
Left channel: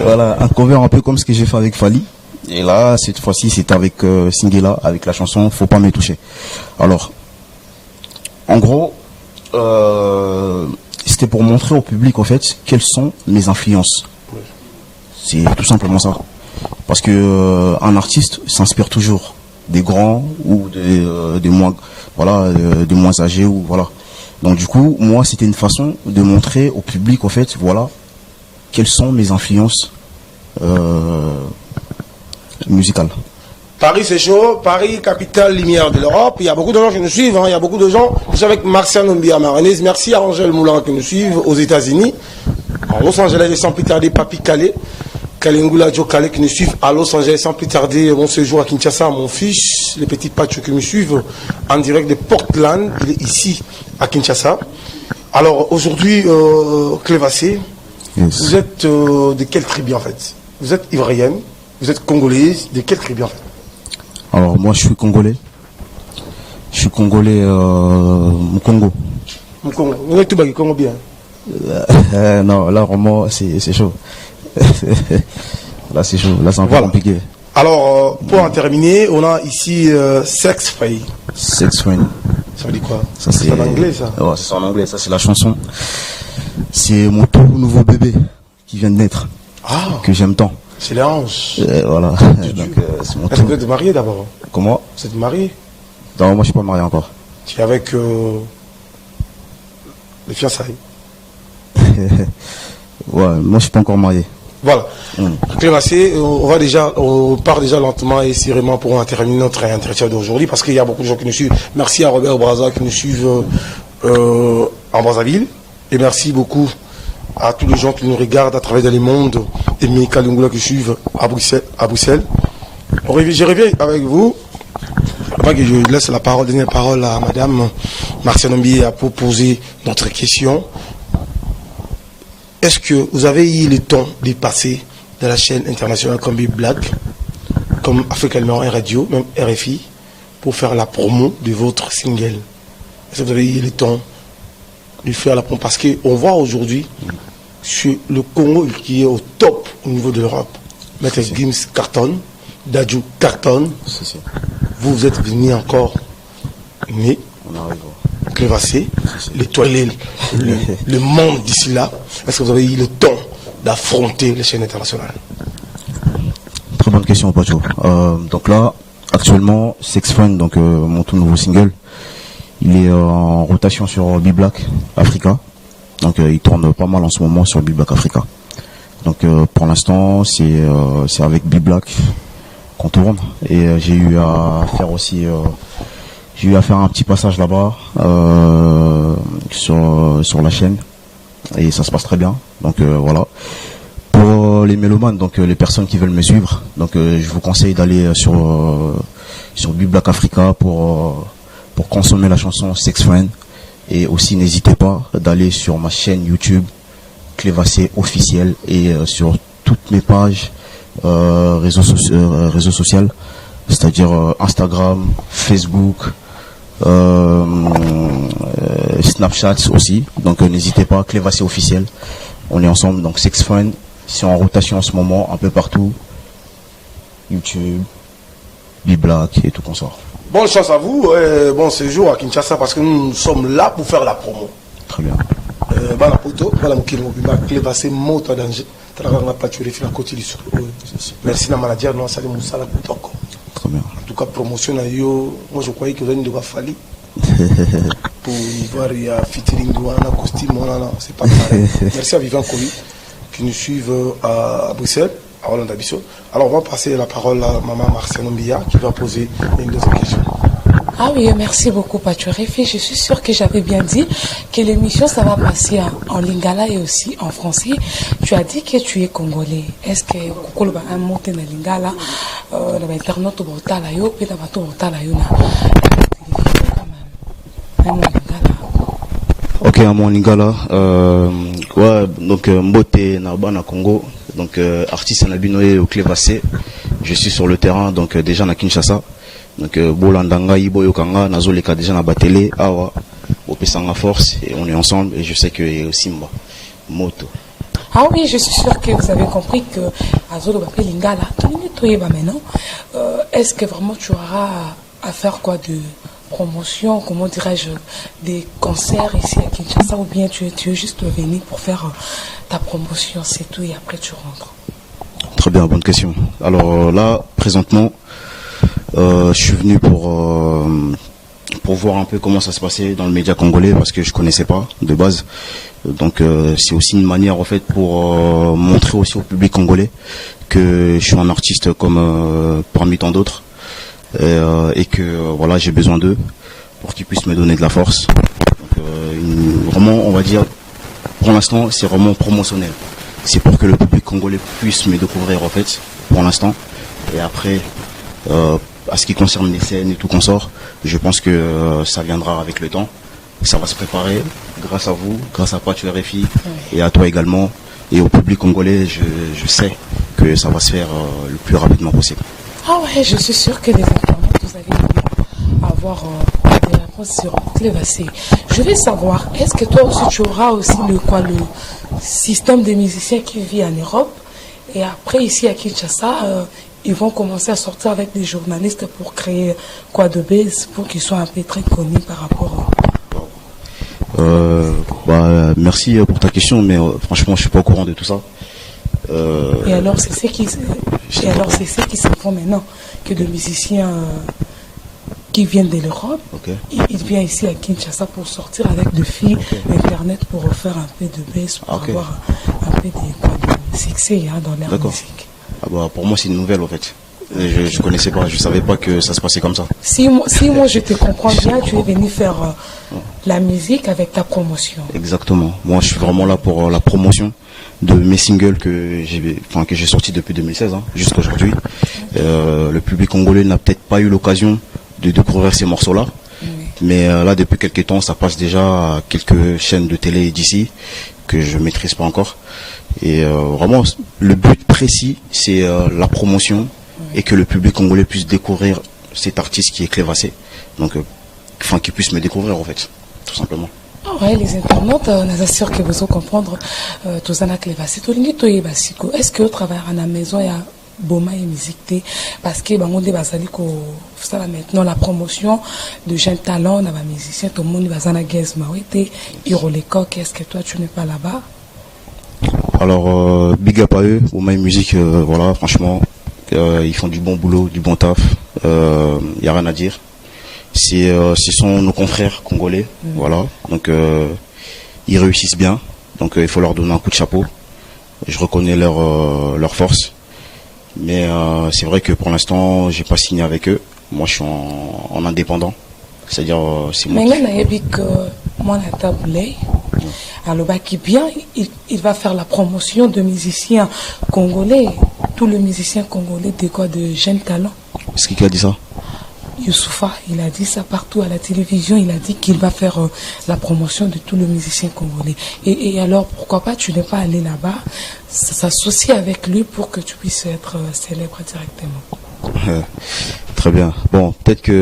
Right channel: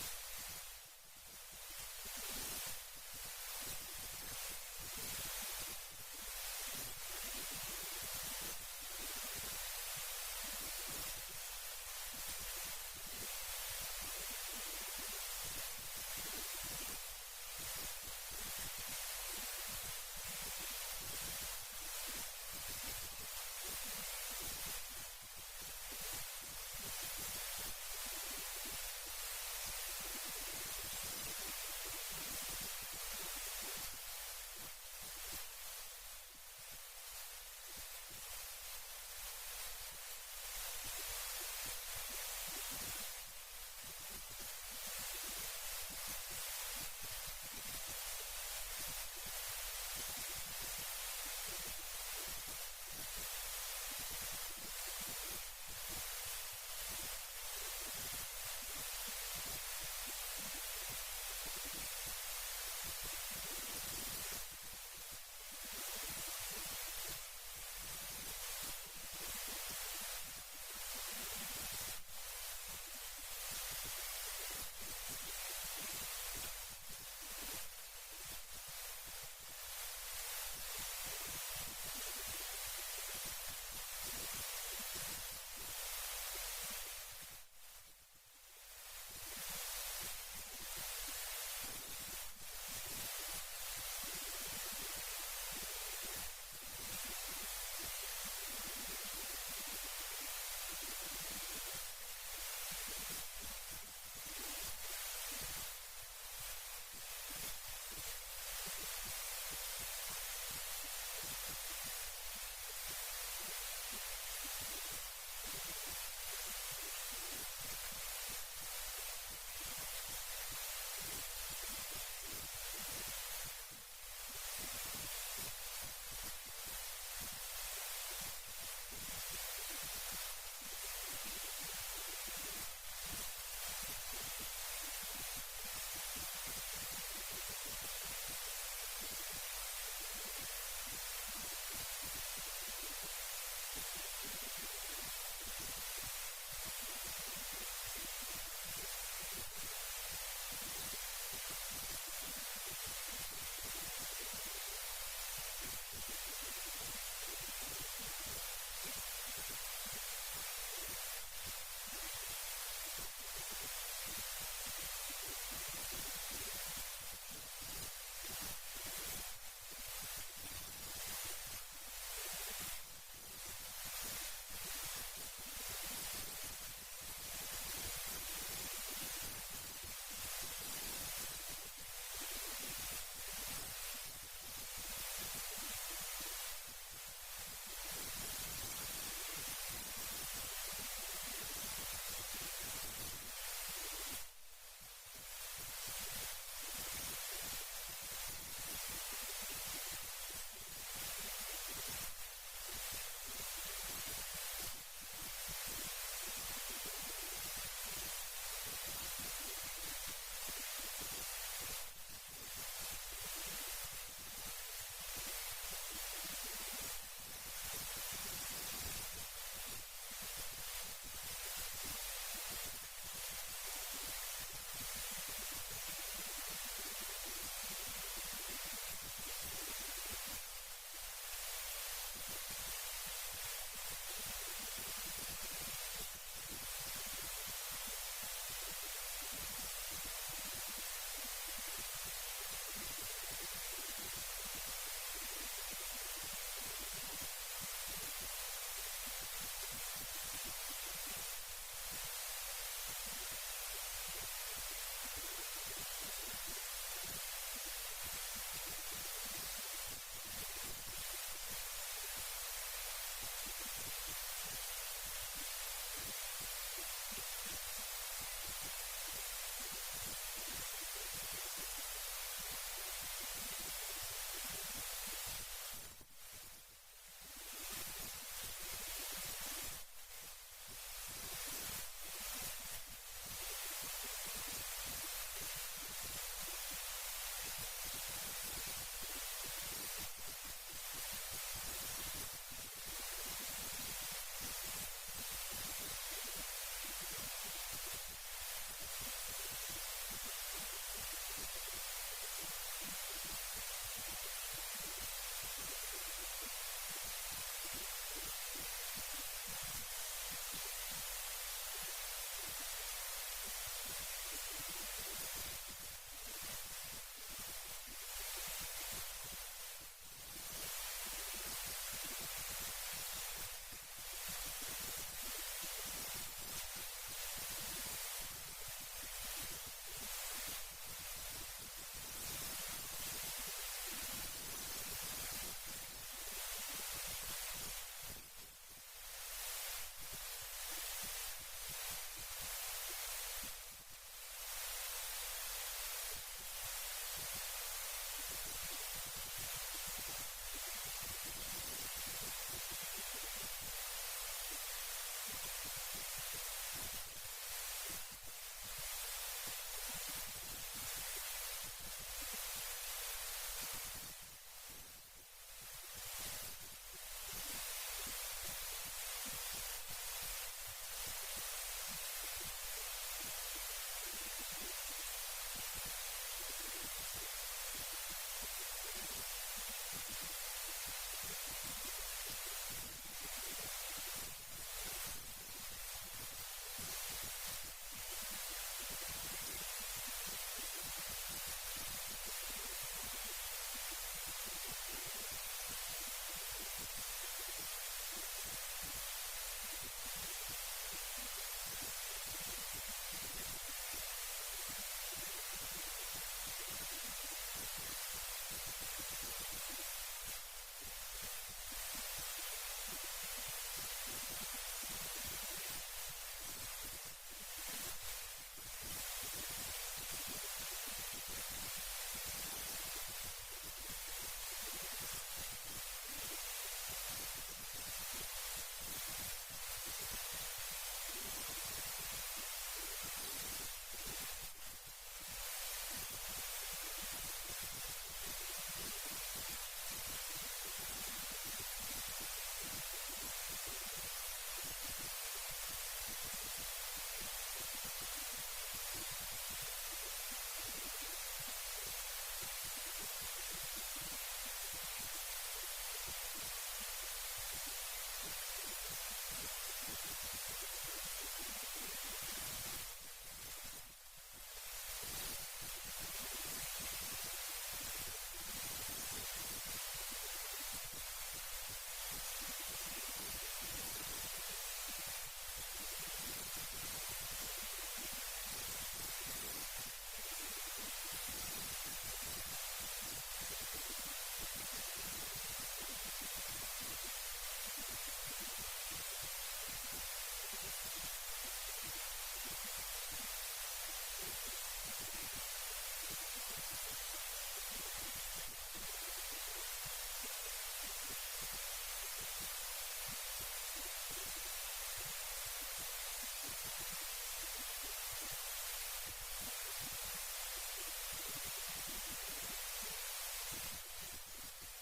Voilà, un cover un peu comme ce que j'ai fait avec Fally. Et là, cette fois-ci, c'est avec Singila, avec la chanson Faut pas me toucher. Alors, En gros, c'était pour montrer au public, en fait, quelles sont mes influences. C'est tout simplement ça. Parce que un artiste s'inspire toujours des grands ou des moins, voilà, des moins âgés ou voilà. Donc du coup, moi, c'était une façon de montrer au public, en fait, voilà, quelles sont mes influences musicales. Paris, c'est chaud. Paris, capitale lumière de l'Europe. Il y a beaucoup de gens qui nous suivent. Hein. Il y a beaucoup de gens. Je suis avec Martial Mbia Maranese. Merci à Angèle Moulin qui nous suivent aux États-Unis. En Los Angeles, et sans plus tarder, Papi Calais. Kalengula Joe Calais qui nous suivent à Los Angeles. Sans plus tarder, bon séjour à Kinshasa. Mon fils, les petits patchos qui me suivent en direct de Portland. Il est ici à Kinshasa. Alors aujourd'hui, Clévassé, Yes. vous êtes de quelle tribu en fait? Vous êtes ivoirienne, vous êtes congolaise, de quelle tribu en fait? Alors moi, je suis congolais. Je suis congolais au Congo. Congo. Vous êtes tout bagui Congo bien. Non, là vraiment, c'est chaud. Là, c'est chaud. Là, c'est un peu Voilà. compliqué. Alors, pour en terminer, on a ici Sex Free. Sex Friend. Ça veut dire quoi? Ça, C'est en anglais, ça. Ouais, c'est en anglais. Ça, c'est la chanson. C'est mon tout nouveau bébé qui vient de naître, Ah, que j'aime tant. c'est les hanches. Voilà. Dieu. Donc, c'est mon Est-ce que tout. vous êtes marié d'abord? Comment? Vous êtes marié? Non, moi, je suis pas marié encore. Tu es avec les fiançailles. Ouais, moi, je suis pas encore marié. Voilà. Clévassé, on part déjà lentement et sérieusement pour terminer notre entretien d'aujourd'hui parce qu'il y a beaucoup de gens qui nous suivent. Merci à Robert Braza qui nous suivent en Brazzaville. Et merci beaucoup à tous les gens qui nous regardent à travers le monde et Mika Lungula qui suivent à Bruxelles. Je reviens avec vous. Avant que je laisse la parole, dernière parole à Madame Martial Mbia pour poser notre question. Est-ce que vous avez eu le temps de passer dans la chaîne internationale comme Big Black, comme Africa Numéro 1 Radio, même RFI, pour faire la promo de votre single? Est-ce que vous avez eu le temps de faire la promo? Parce qu'on voit aujourd'hui sur le Congo qui est au top au niveau de l'Europe. Maître Gims cartonne, Dadju cartonne. Vous êtes venu encore, mais On arrive. Clévassé, nettoyer le monde d'ici là. Est-ce que vous avez eu le temps d'affronter les chaînes internationales? Très bonne question, Pacho. Donc là, actuellement, Sex Friend, donc mon tout nouveau single, il est en rotation sur B-Black Africa. Donc il tourne pas mal en ce moment sur B-Black Africa. Donc pour l'instant, c'est avec B-Black qu'on tourne. Et j'ai eu à faire aussi... j'ai eu à faire un petit passage là-bas sur la chaîne et ça se passe très bien. Donc voilà. Pour les mélomanes, donc les personnes qui veulent me suivre, donc je vous conseille d'aller sur B-Black Africa pour consommer la chanson Sex Friend. Et aussi n'hésitez pas d'aller sur ma chaîne YouTube Clévassé officiel et sur toutes mes pages réseaux sociaux, c'est-à-dire Instagram, Facebook, Snapchat aussi. Donc n'hésitez pas, Clévassé officiel. On est ensemble, donc Sex Friend, c'est en rotation en ce moment, un peu partout. YouTube, B-Black et tout qu'on sort. Bonne chance à vous, bon séjour à Kinshasa parce que nous sommes là pour faire la promo. Très bien. Bana poto, bana mukimo bima Clévassé moto danger. Travailler pas tuer la côté du sud. Merci na manager non sali musala kutoko. Très bien. En tout cas promotion à yo, moi je croyais que vous allez devoir fallir. Pour y voir il y a featuring douana costume non c'est pas pareil. Merci à Vivant Koyi qui nous suivent à Bruxelles, à Hollande Abisso. Alors on va passer la parole à maman Martial Mbia qui va poser une autre question. Ah oui, merci beaucoup, Paturefi. Je suis sûre que j'avais bien dit que l'émission, ça va passer en lingala et aussi en français. Tu as dit que tu es congolais. Est-ce que tu as un mot en lingala, dans l'internet, tu as un mot Ok, à mon lingala, ouais, donc Mbote Narbana Congo, donc artiste Nabinoé au Clévassé. Je suis sur le terrain, donc déjà à Kinshasa. Donc Bolandanga, Iboyokanga, Nazoleka déjà na batele, Awa, Opesanga Force, et on est ensemble, et je sais que Simba, Moto. Ah oui, je suis sûre que vous avez compris que Azolo Bapé Lingala, maintenant, est-ce que vraiment tu auras à faire quoi de promotion, comment dirais-je, des concerts ici à Kinshasa, ou bien tu es juste venu pour faire ta promotion, c'est tout, et après tu rentres? Très bien, bonne question. Alors là, présentement, je suis venu pour voir un peu comment ça se passait dans le média congolais, parce que je connaissais pas de base. Donc c'est aussi une manière en fait pour montrer aussi au public congolais que je suis un artiste comme parmi tant d'autres, et que voilà, j'ai besoin d'eux pour qu'ils puissent me donner de la force. Donc, vraiment, on va dire, pour l'instant, c'est vraiment promotionnel. C'est pour que le public congolais puisse me découvrir en fait, pour l'instant. Et après, à ce qui concerne les scènes et tout consort, je pense que ça viendra avec le temps. Ça va se préparer grâce à vous, grâce à Pachu RFI et à toi également. Et au public congolais, je sais que ça va se faire le plus rapidement possible. Ah ouais, je suis sûr que les internautes, vous allez avoir des réponses sur Clévassé. Je vais savoir, est-ce que toi aussi tu auras aussi le système des musiciens qui vit en Europe, et après ici à Kinshasa, ils vont commencer à sortir avec des journalistes pour créer de base, pour qu'ils soient un peu très connus par rapport merci pour ta question, mais franchement je suis pas au courant de tout ça. Et alors c'est ce qui se font maintenant, que des musiciens qui viennent de l'Europe, ils viennent ici à Kinshasa pour sortir avec des filles Internet pour faire un peu de base, pour avoir un peu de succès dans leur musique. Pour moi c'est une nouvelle en fait. Je connaissais pas, je savais pas que ça se passait comme ça. Si moi je te comprends bien, tu es venu faire la musique avec ta promotion. Exactement. Moi je suis vraiment là pour la promotion de mes singles que j'ai sortis depuis 2016 jusqu'à aujourd'hui. Le public congolais n'a peut-être pas eu l'occasion de découvrir ces morceaux-là. Mais là depuis quelques temps ça passe déjà à quelques chaînes de télé d'ici que je maîtrise pas encore. Et vraiment le but précis c'est la promotion, et que le public congolais puisse découvrir cet artiste qui est Clévassé. Donc, qu'il puisse me découvrir en fait, tout simplement. Ah ouais, les internautes, on est sûr que vous allez comprendre tout ça, Clévassé. Est-ce que vous travaillez à la maison, il y a Boma et musique, parce que on dit ça maintenant la promotion de jeunes talents, on a des musiciens, tout le monde va à Gaz Mawete, Hirolecoq, est-ce que toi tu n'es pas là-bas? Alors, big up à eux, Boma et musique, voilà, franchement. Ils font du bon boulot, du bon taf, y a rien à dire. Ce sont nos confrères congolais, voilà. Donc ils réussissent bien, donc il faut leur donner un coup de chapeau. Je reconnais leur force, mais c'est vrai que pour l'instant j'ai pas signé avec eux. Moi je suis en indépendant, c'est-à-dire c'est moi. Alors, qui bien, il va faire la promotion de musiciens congolais, tous les musiciens congolais de jeunes talents. Est-ce qu'il a dit ça? Youssoufa, il a dit ça partout à la télévision, il a dit qu'il va faire la promotion de tous les musiciens congolais. Et alors, pourquoi pas, tu n'es pas allé là-bas, s'associer avec lui pour que tu puisses être célèbre directement. Très bien. Bon, peut-être qu'il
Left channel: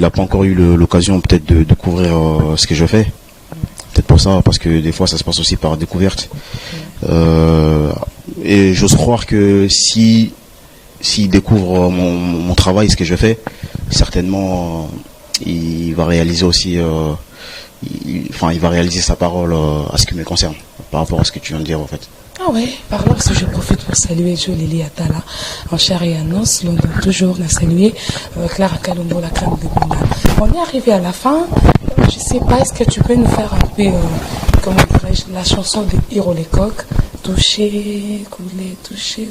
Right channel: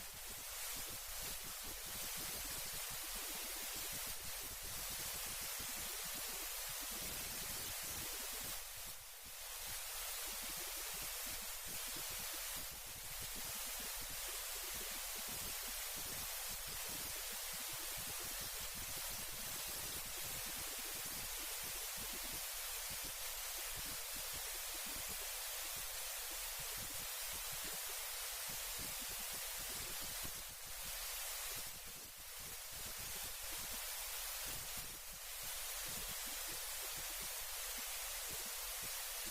n'a pas encore eu l'occasion peut-être de découvrir ce que je fais. Peut-être pour ça, parce que des fois ça se passe aussi par découverte. Et j'ose croire que s'il découvre mon travail, ce que je fais, certainement il va réaliser aussi, il va réaliser sa parole à ce qui me concerne, par rapport à ce que tu viens de dire en fait. Ah ouais, par là, je profite pour saluer Jolie Atala, en chair et en os, toujours on a salué Clara Kalombo, la crème de Bunda. On est arrivé à la fin, je ne sais pas, est-ce que tu peux nous faire un peu, comment dirais-je, la chanson de Hirolecoq, toucher, couler, toucher.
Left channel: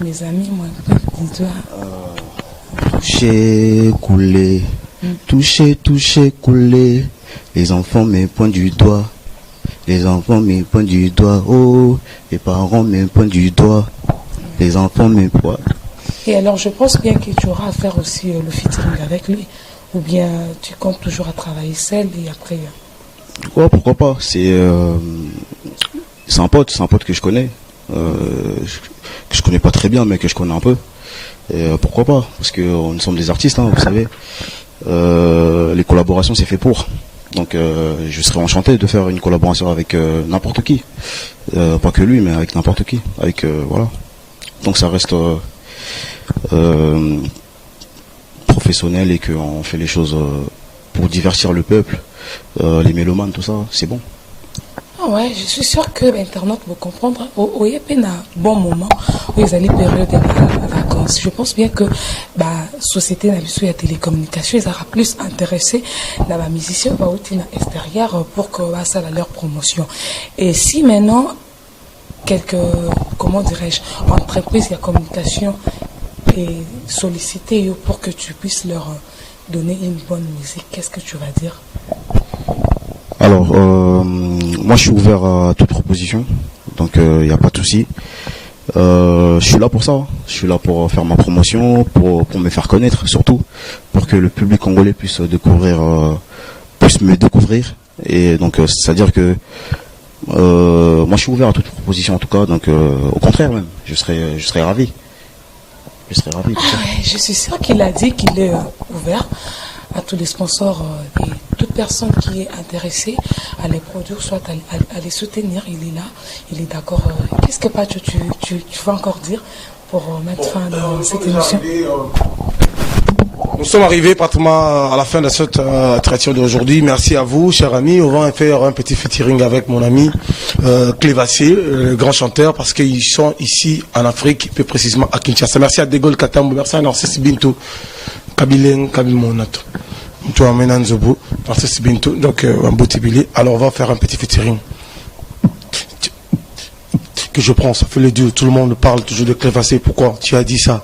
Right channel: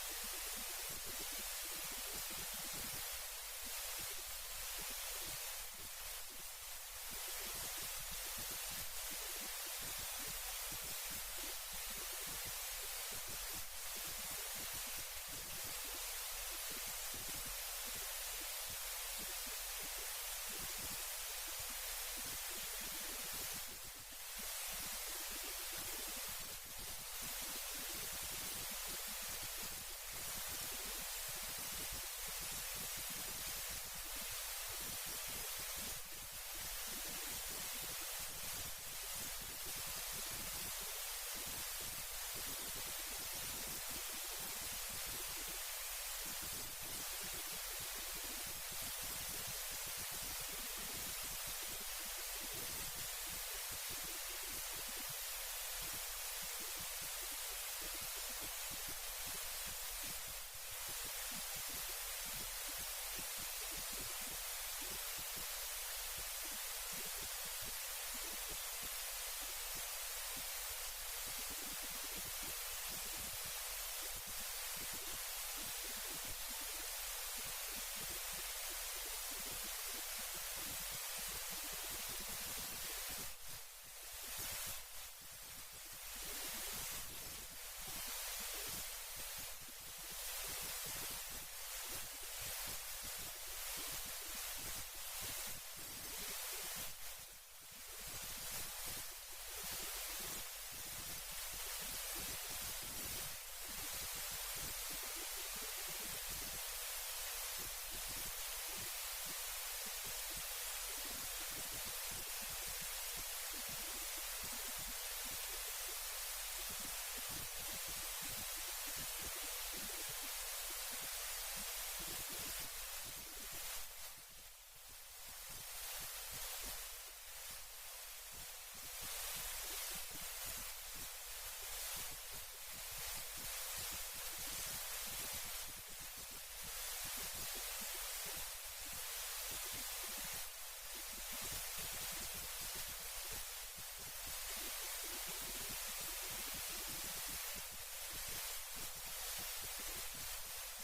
Mes amis, moi, toucher, couler, toucher, couler, les enfants me pointent du doigt. Les enfants me pointent du doigt, oh, les parents me pointent du doigt, les enfants me pointent. Et alors, je pense bien que tu auras à faire aussi le featuring avec lui, ou bien tu comptes toujours à travailler seul et après. Ouais, pourquoi pas, c'est un pote que je connais, que je connais pas très bien, mais que je connais un peu. Et pourquoi pas, parce que nous sommes des artistes, vous savez. Les collaborations, c'est fait pour. Donc je serais enchanté de faire une collaboration avec n'importe qui, pas que lui, mais avec n'importe qui, voilà. Donc ça reste professionnel et qu'on fait les choses pour divertir le peuple, les mélomanes, tout ça, c'est bon. Ah ouais, je suis sûr que l'internaute va comprendre. Au YP, un bon moment où ils allaient période de vacances. Je pense bien que la société de la télécommunication, ils aura plus intéressé dans la musicien extérieure pour que ça à leur promotion. Et si maintenant quelques, comment dirais-je, entreprises de communication et solliciter pour que tu puisses leur donner une bonne musique, qu'est-ce que tu vas dire? Alors, moi je suis ouvert à toute proposition, donc il n'y a pas de souci. Je suis là pour ça, je suis là pour faire ma promotion, pour me faire connaître surtout, pour que le public congolais puisse découvrir, puisse me découvrir. Et donc c'est-à-dire que moi je suis ouvert à toute proposition en tout cas, donc au contraire même, je serais ravi. Je serais ravi. Je suis sûr qu'il a dit qu'il est ouvert à tous les sponsors et toute personne qui est intéressée à les produire, soit à les soutenir. Il est là, il est d'accord. Qu'est-ce que tu vas encore dire pour mettre fin à cette émission? Nous sommes arrivés pratiquement à la fin de cette traité d'aujourd'hui. Merci à vous, chers amis. On va faire un petit featuring avec mon ami Clévassé, le grand chanteur, parce qu'ils sont ici en Afrique, plus précisément à Kinshasa. Merci à Degol Katambo, merci à Narcisse Bintou, Kabilen, Kabilmonato. Tu amènes un zobo, Narcisse Bintou, donc un beau tibili. Alors on va faire un petit featuring. Que je prends, ça fait le dieu. Tout le monde parle toujours de Clévassé. Pourquoi tu as dit ça?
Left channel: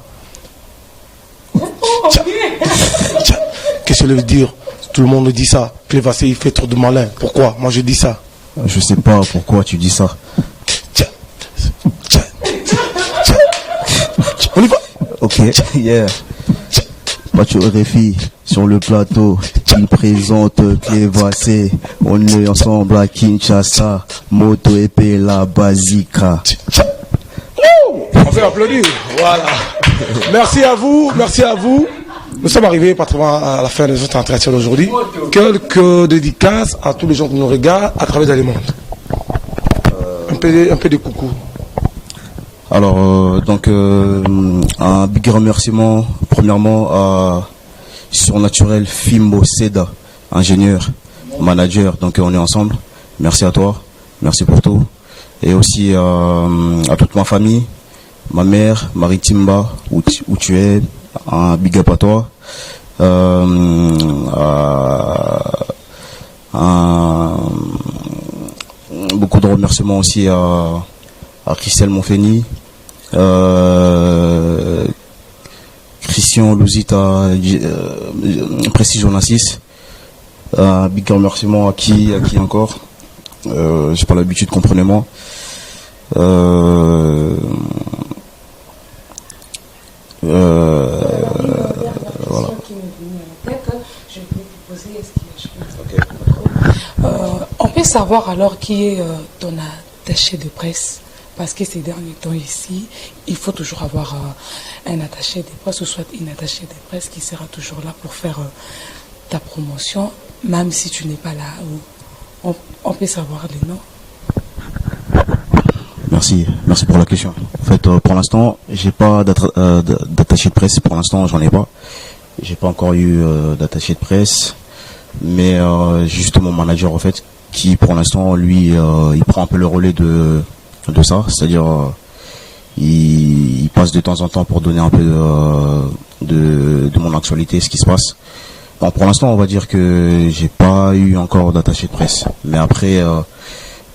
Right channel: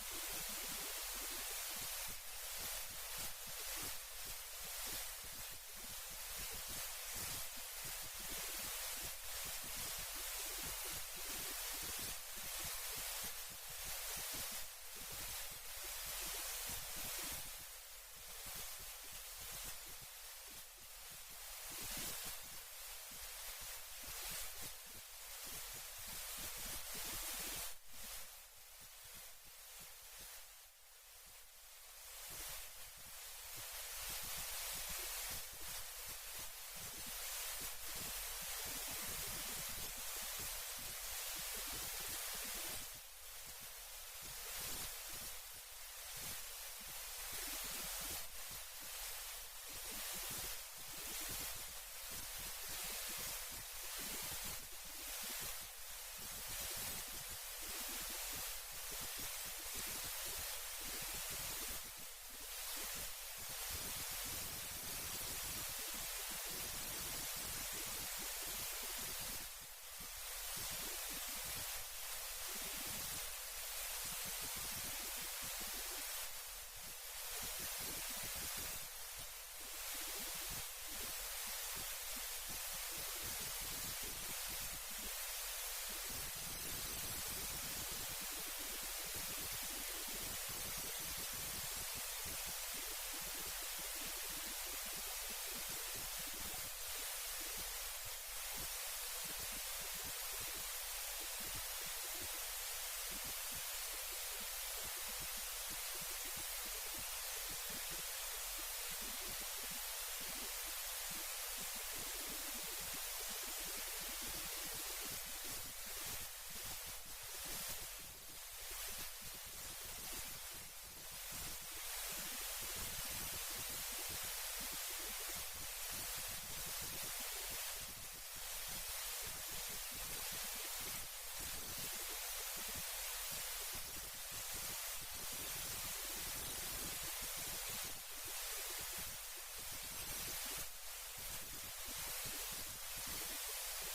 Qu'est-ce que ça veut dire? Tout le monde dit ça. Clévassé, il fait trop de malin. Pourquoi? Moi, je dis ça. Je sais pas pourquoi tu dis ça. On y va. Ok, yeah. Pachoré sur le plateau, il présente Clévassé. On est ensemble à Kinshasa. Moto épée la Bazika. On fait applaudir. Voilà. Merci à vous. Merci à vous. Nous sommes arrivés pratiquement à la fin de notre entretien d'aujourd'hui. Quelques dédicaces à tous les gens qui nous regardent à travers le monde. Un peu de coucou. Alors, donc, un big remerciement, premièrement, à Surnaturel Fimbo Seda, ingénieur, manager, donc on est ensemble. Merci à toi, merci pour tout. Et aussi à toute ma famille, ma mère, Maritimba, où tu es, un big up à toi. Beaucoup de remerciements aussi à Christelle Monfeni, Christian Louzita, Précision Nassis. Un big remerciement à qui encore, j'ai pas l'habitude, comprenez-moi. Voilà. On peut savoir alors qui est ton attaché de presse, parce que ces derniers temps ici, il faut toujours avoir un attaché de presse ou soit une attachée de presse qui sera toujours là pour faire ta promotion, même si tu n'es pas là. On peut savoir les noms. Merci pour la question. En fait, pour l'instant, j'ai pas d'attaché de presse. Pour l'instant, j'en ai pas. J'ai pas encore eu d'attaché de presse, mais juste mon manager en fait, qui pour l'instant, lui, il prend un peu le relais de ça, c'est-à-dire il passe de temps en temps pour donner un peu de mon actualité, ce qui se passe. Bon, pour l'instant, on va dire que j'ai pas eu encore d'attaché de presse, mais après.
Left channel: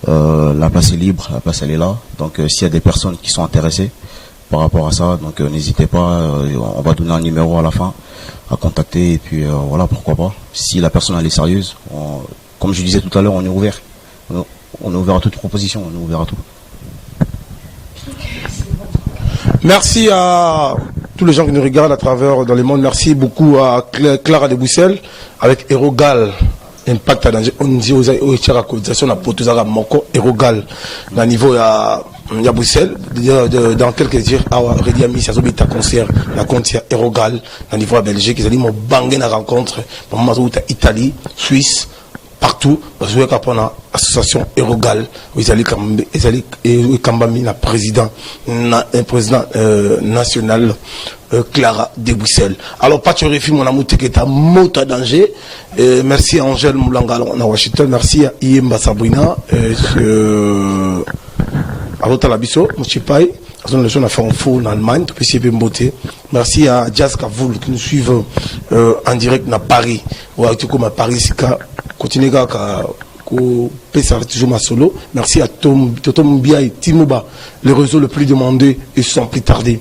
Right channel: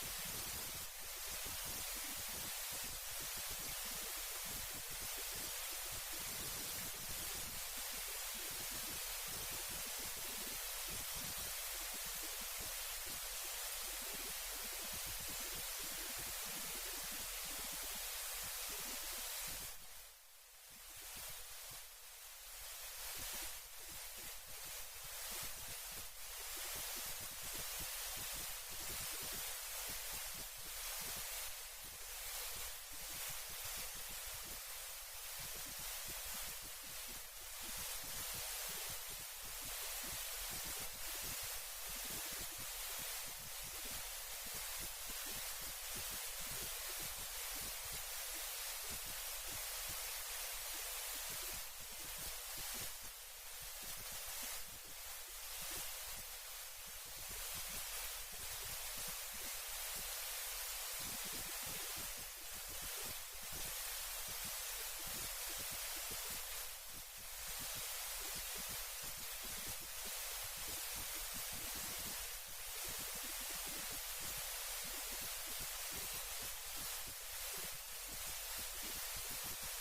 La place est libre, la place elle est là. Donc s'il y a des personnes qui sont intéressées par rapport à ça, donc n'hésitez pas, on va donner un numéro à la fin à contacter et puis voilà, pourquoi pas. Si la personne elle est sérieuse, comme je disais tout à l'heure, on est ouvert. On est ouvert à toute proposition, on est ouvert à tout. Merci à tous les gens qui nous regardent à travers dans le monde. Merci beaucoup à Clara de Bruxelles avec Erogal. Impact on dit aux cotisation na potozaka moko erogal na niveau ya Bruxelles dans quelques jours à Redia Miss azobita concert na compte ya erogal na niveau ya Belgique ils allaient mo banger na rencontre maman zo Italie Suisse partout parce que quand on association erogal ils allaient kambami na président national Clara de Bruxelles. Alors, Pachoré-Fi, mon amour, qui est à Mota danger. Merci à Angèle Moulanga à Washington. Merci à Iemba Sabrina. À Rotalabiso, Mochipai. On a fait un faux en Allemagne. Merci à Jazz Kavoul qui nous suivent en direct à Paris. Ou à Paris, continuez à toujours ma solo. Merci à Tom Bia et Timoba, le réseau le plus demandé et sans plus tarder.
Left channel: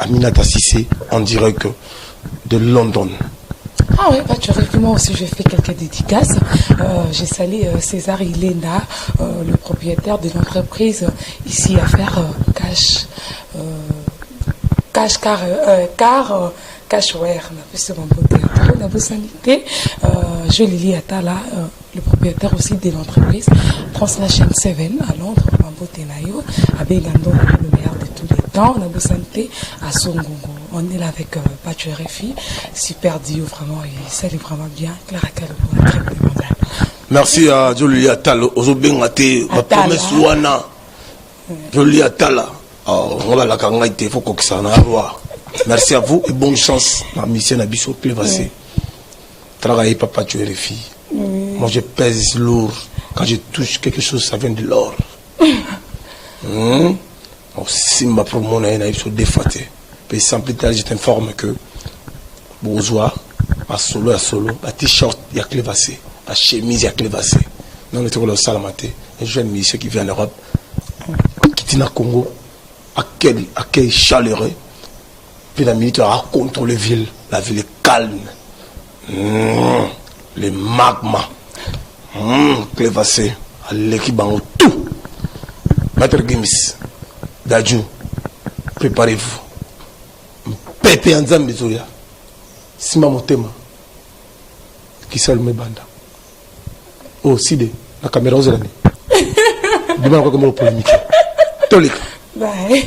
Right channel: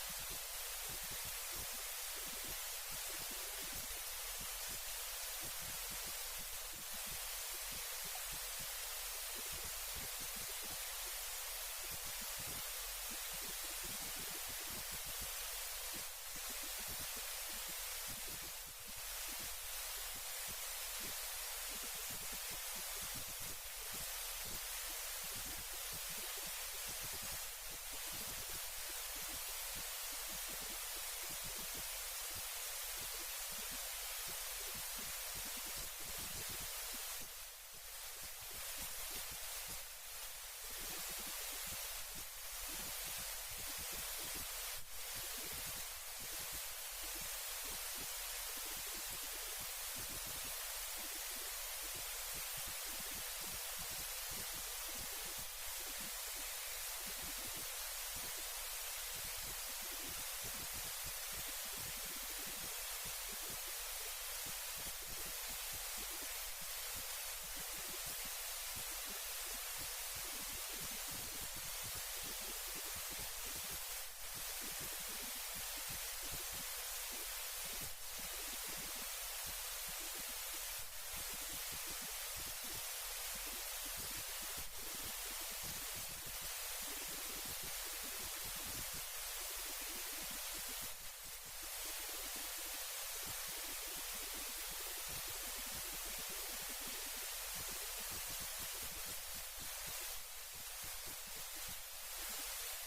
Aminata Sissé en direct de London. Ah oui, moi aussi je fais quelques dédicaces. J'ai salué César Ilena, le propriétaire de l'entreprise ici à faire Cashware, on a beau sanité. Je Lili Atala, le propriétaire aussi de l'entreprise Translation 7 à Londres, Mambotenayo, avec Gando, le meilleur de tous les temps. On a beau sanité à Songongo. On est là avec Pacho RFI, super Dio, vraiment, il salue vraiment bien. Clara Calvo, très bien. Merci à Jolie Atala, Ozobengate, ma promesse Wana. Jolie Atala, on va la kangaïte, il faut qu'on s'en aille. Merci à vous et bonne chance dans la mission à Bissot Clévassé. Travailler papa tu es les filles. Moi je pèse lourd. Quand je touche quelque chose, ça vient de l'or. Si ma promo n'a pas défaté. Puis sans plus tard, je t'informe que bourgeois, à solo, à t-shirt, il y a Clévassé. À chemise, il y a Clévassé. Non, on est au Salamate. Un jeune monsieur qui vient en Europe, qui est au Congo, à quel chaleureux. Puis la militaire a contrôlé la ville. La ville est calme. Les magmas. Clévassé. À l'équipe en tout. Maître Gims. Dadjou. Préparez-vous. Pépé en Zambizoya. Sima Motema. Qui s'allume mes bandes. Oh, Side. La caméra aux années. Dis-moi comment on peut limiter. Tolik. Bye.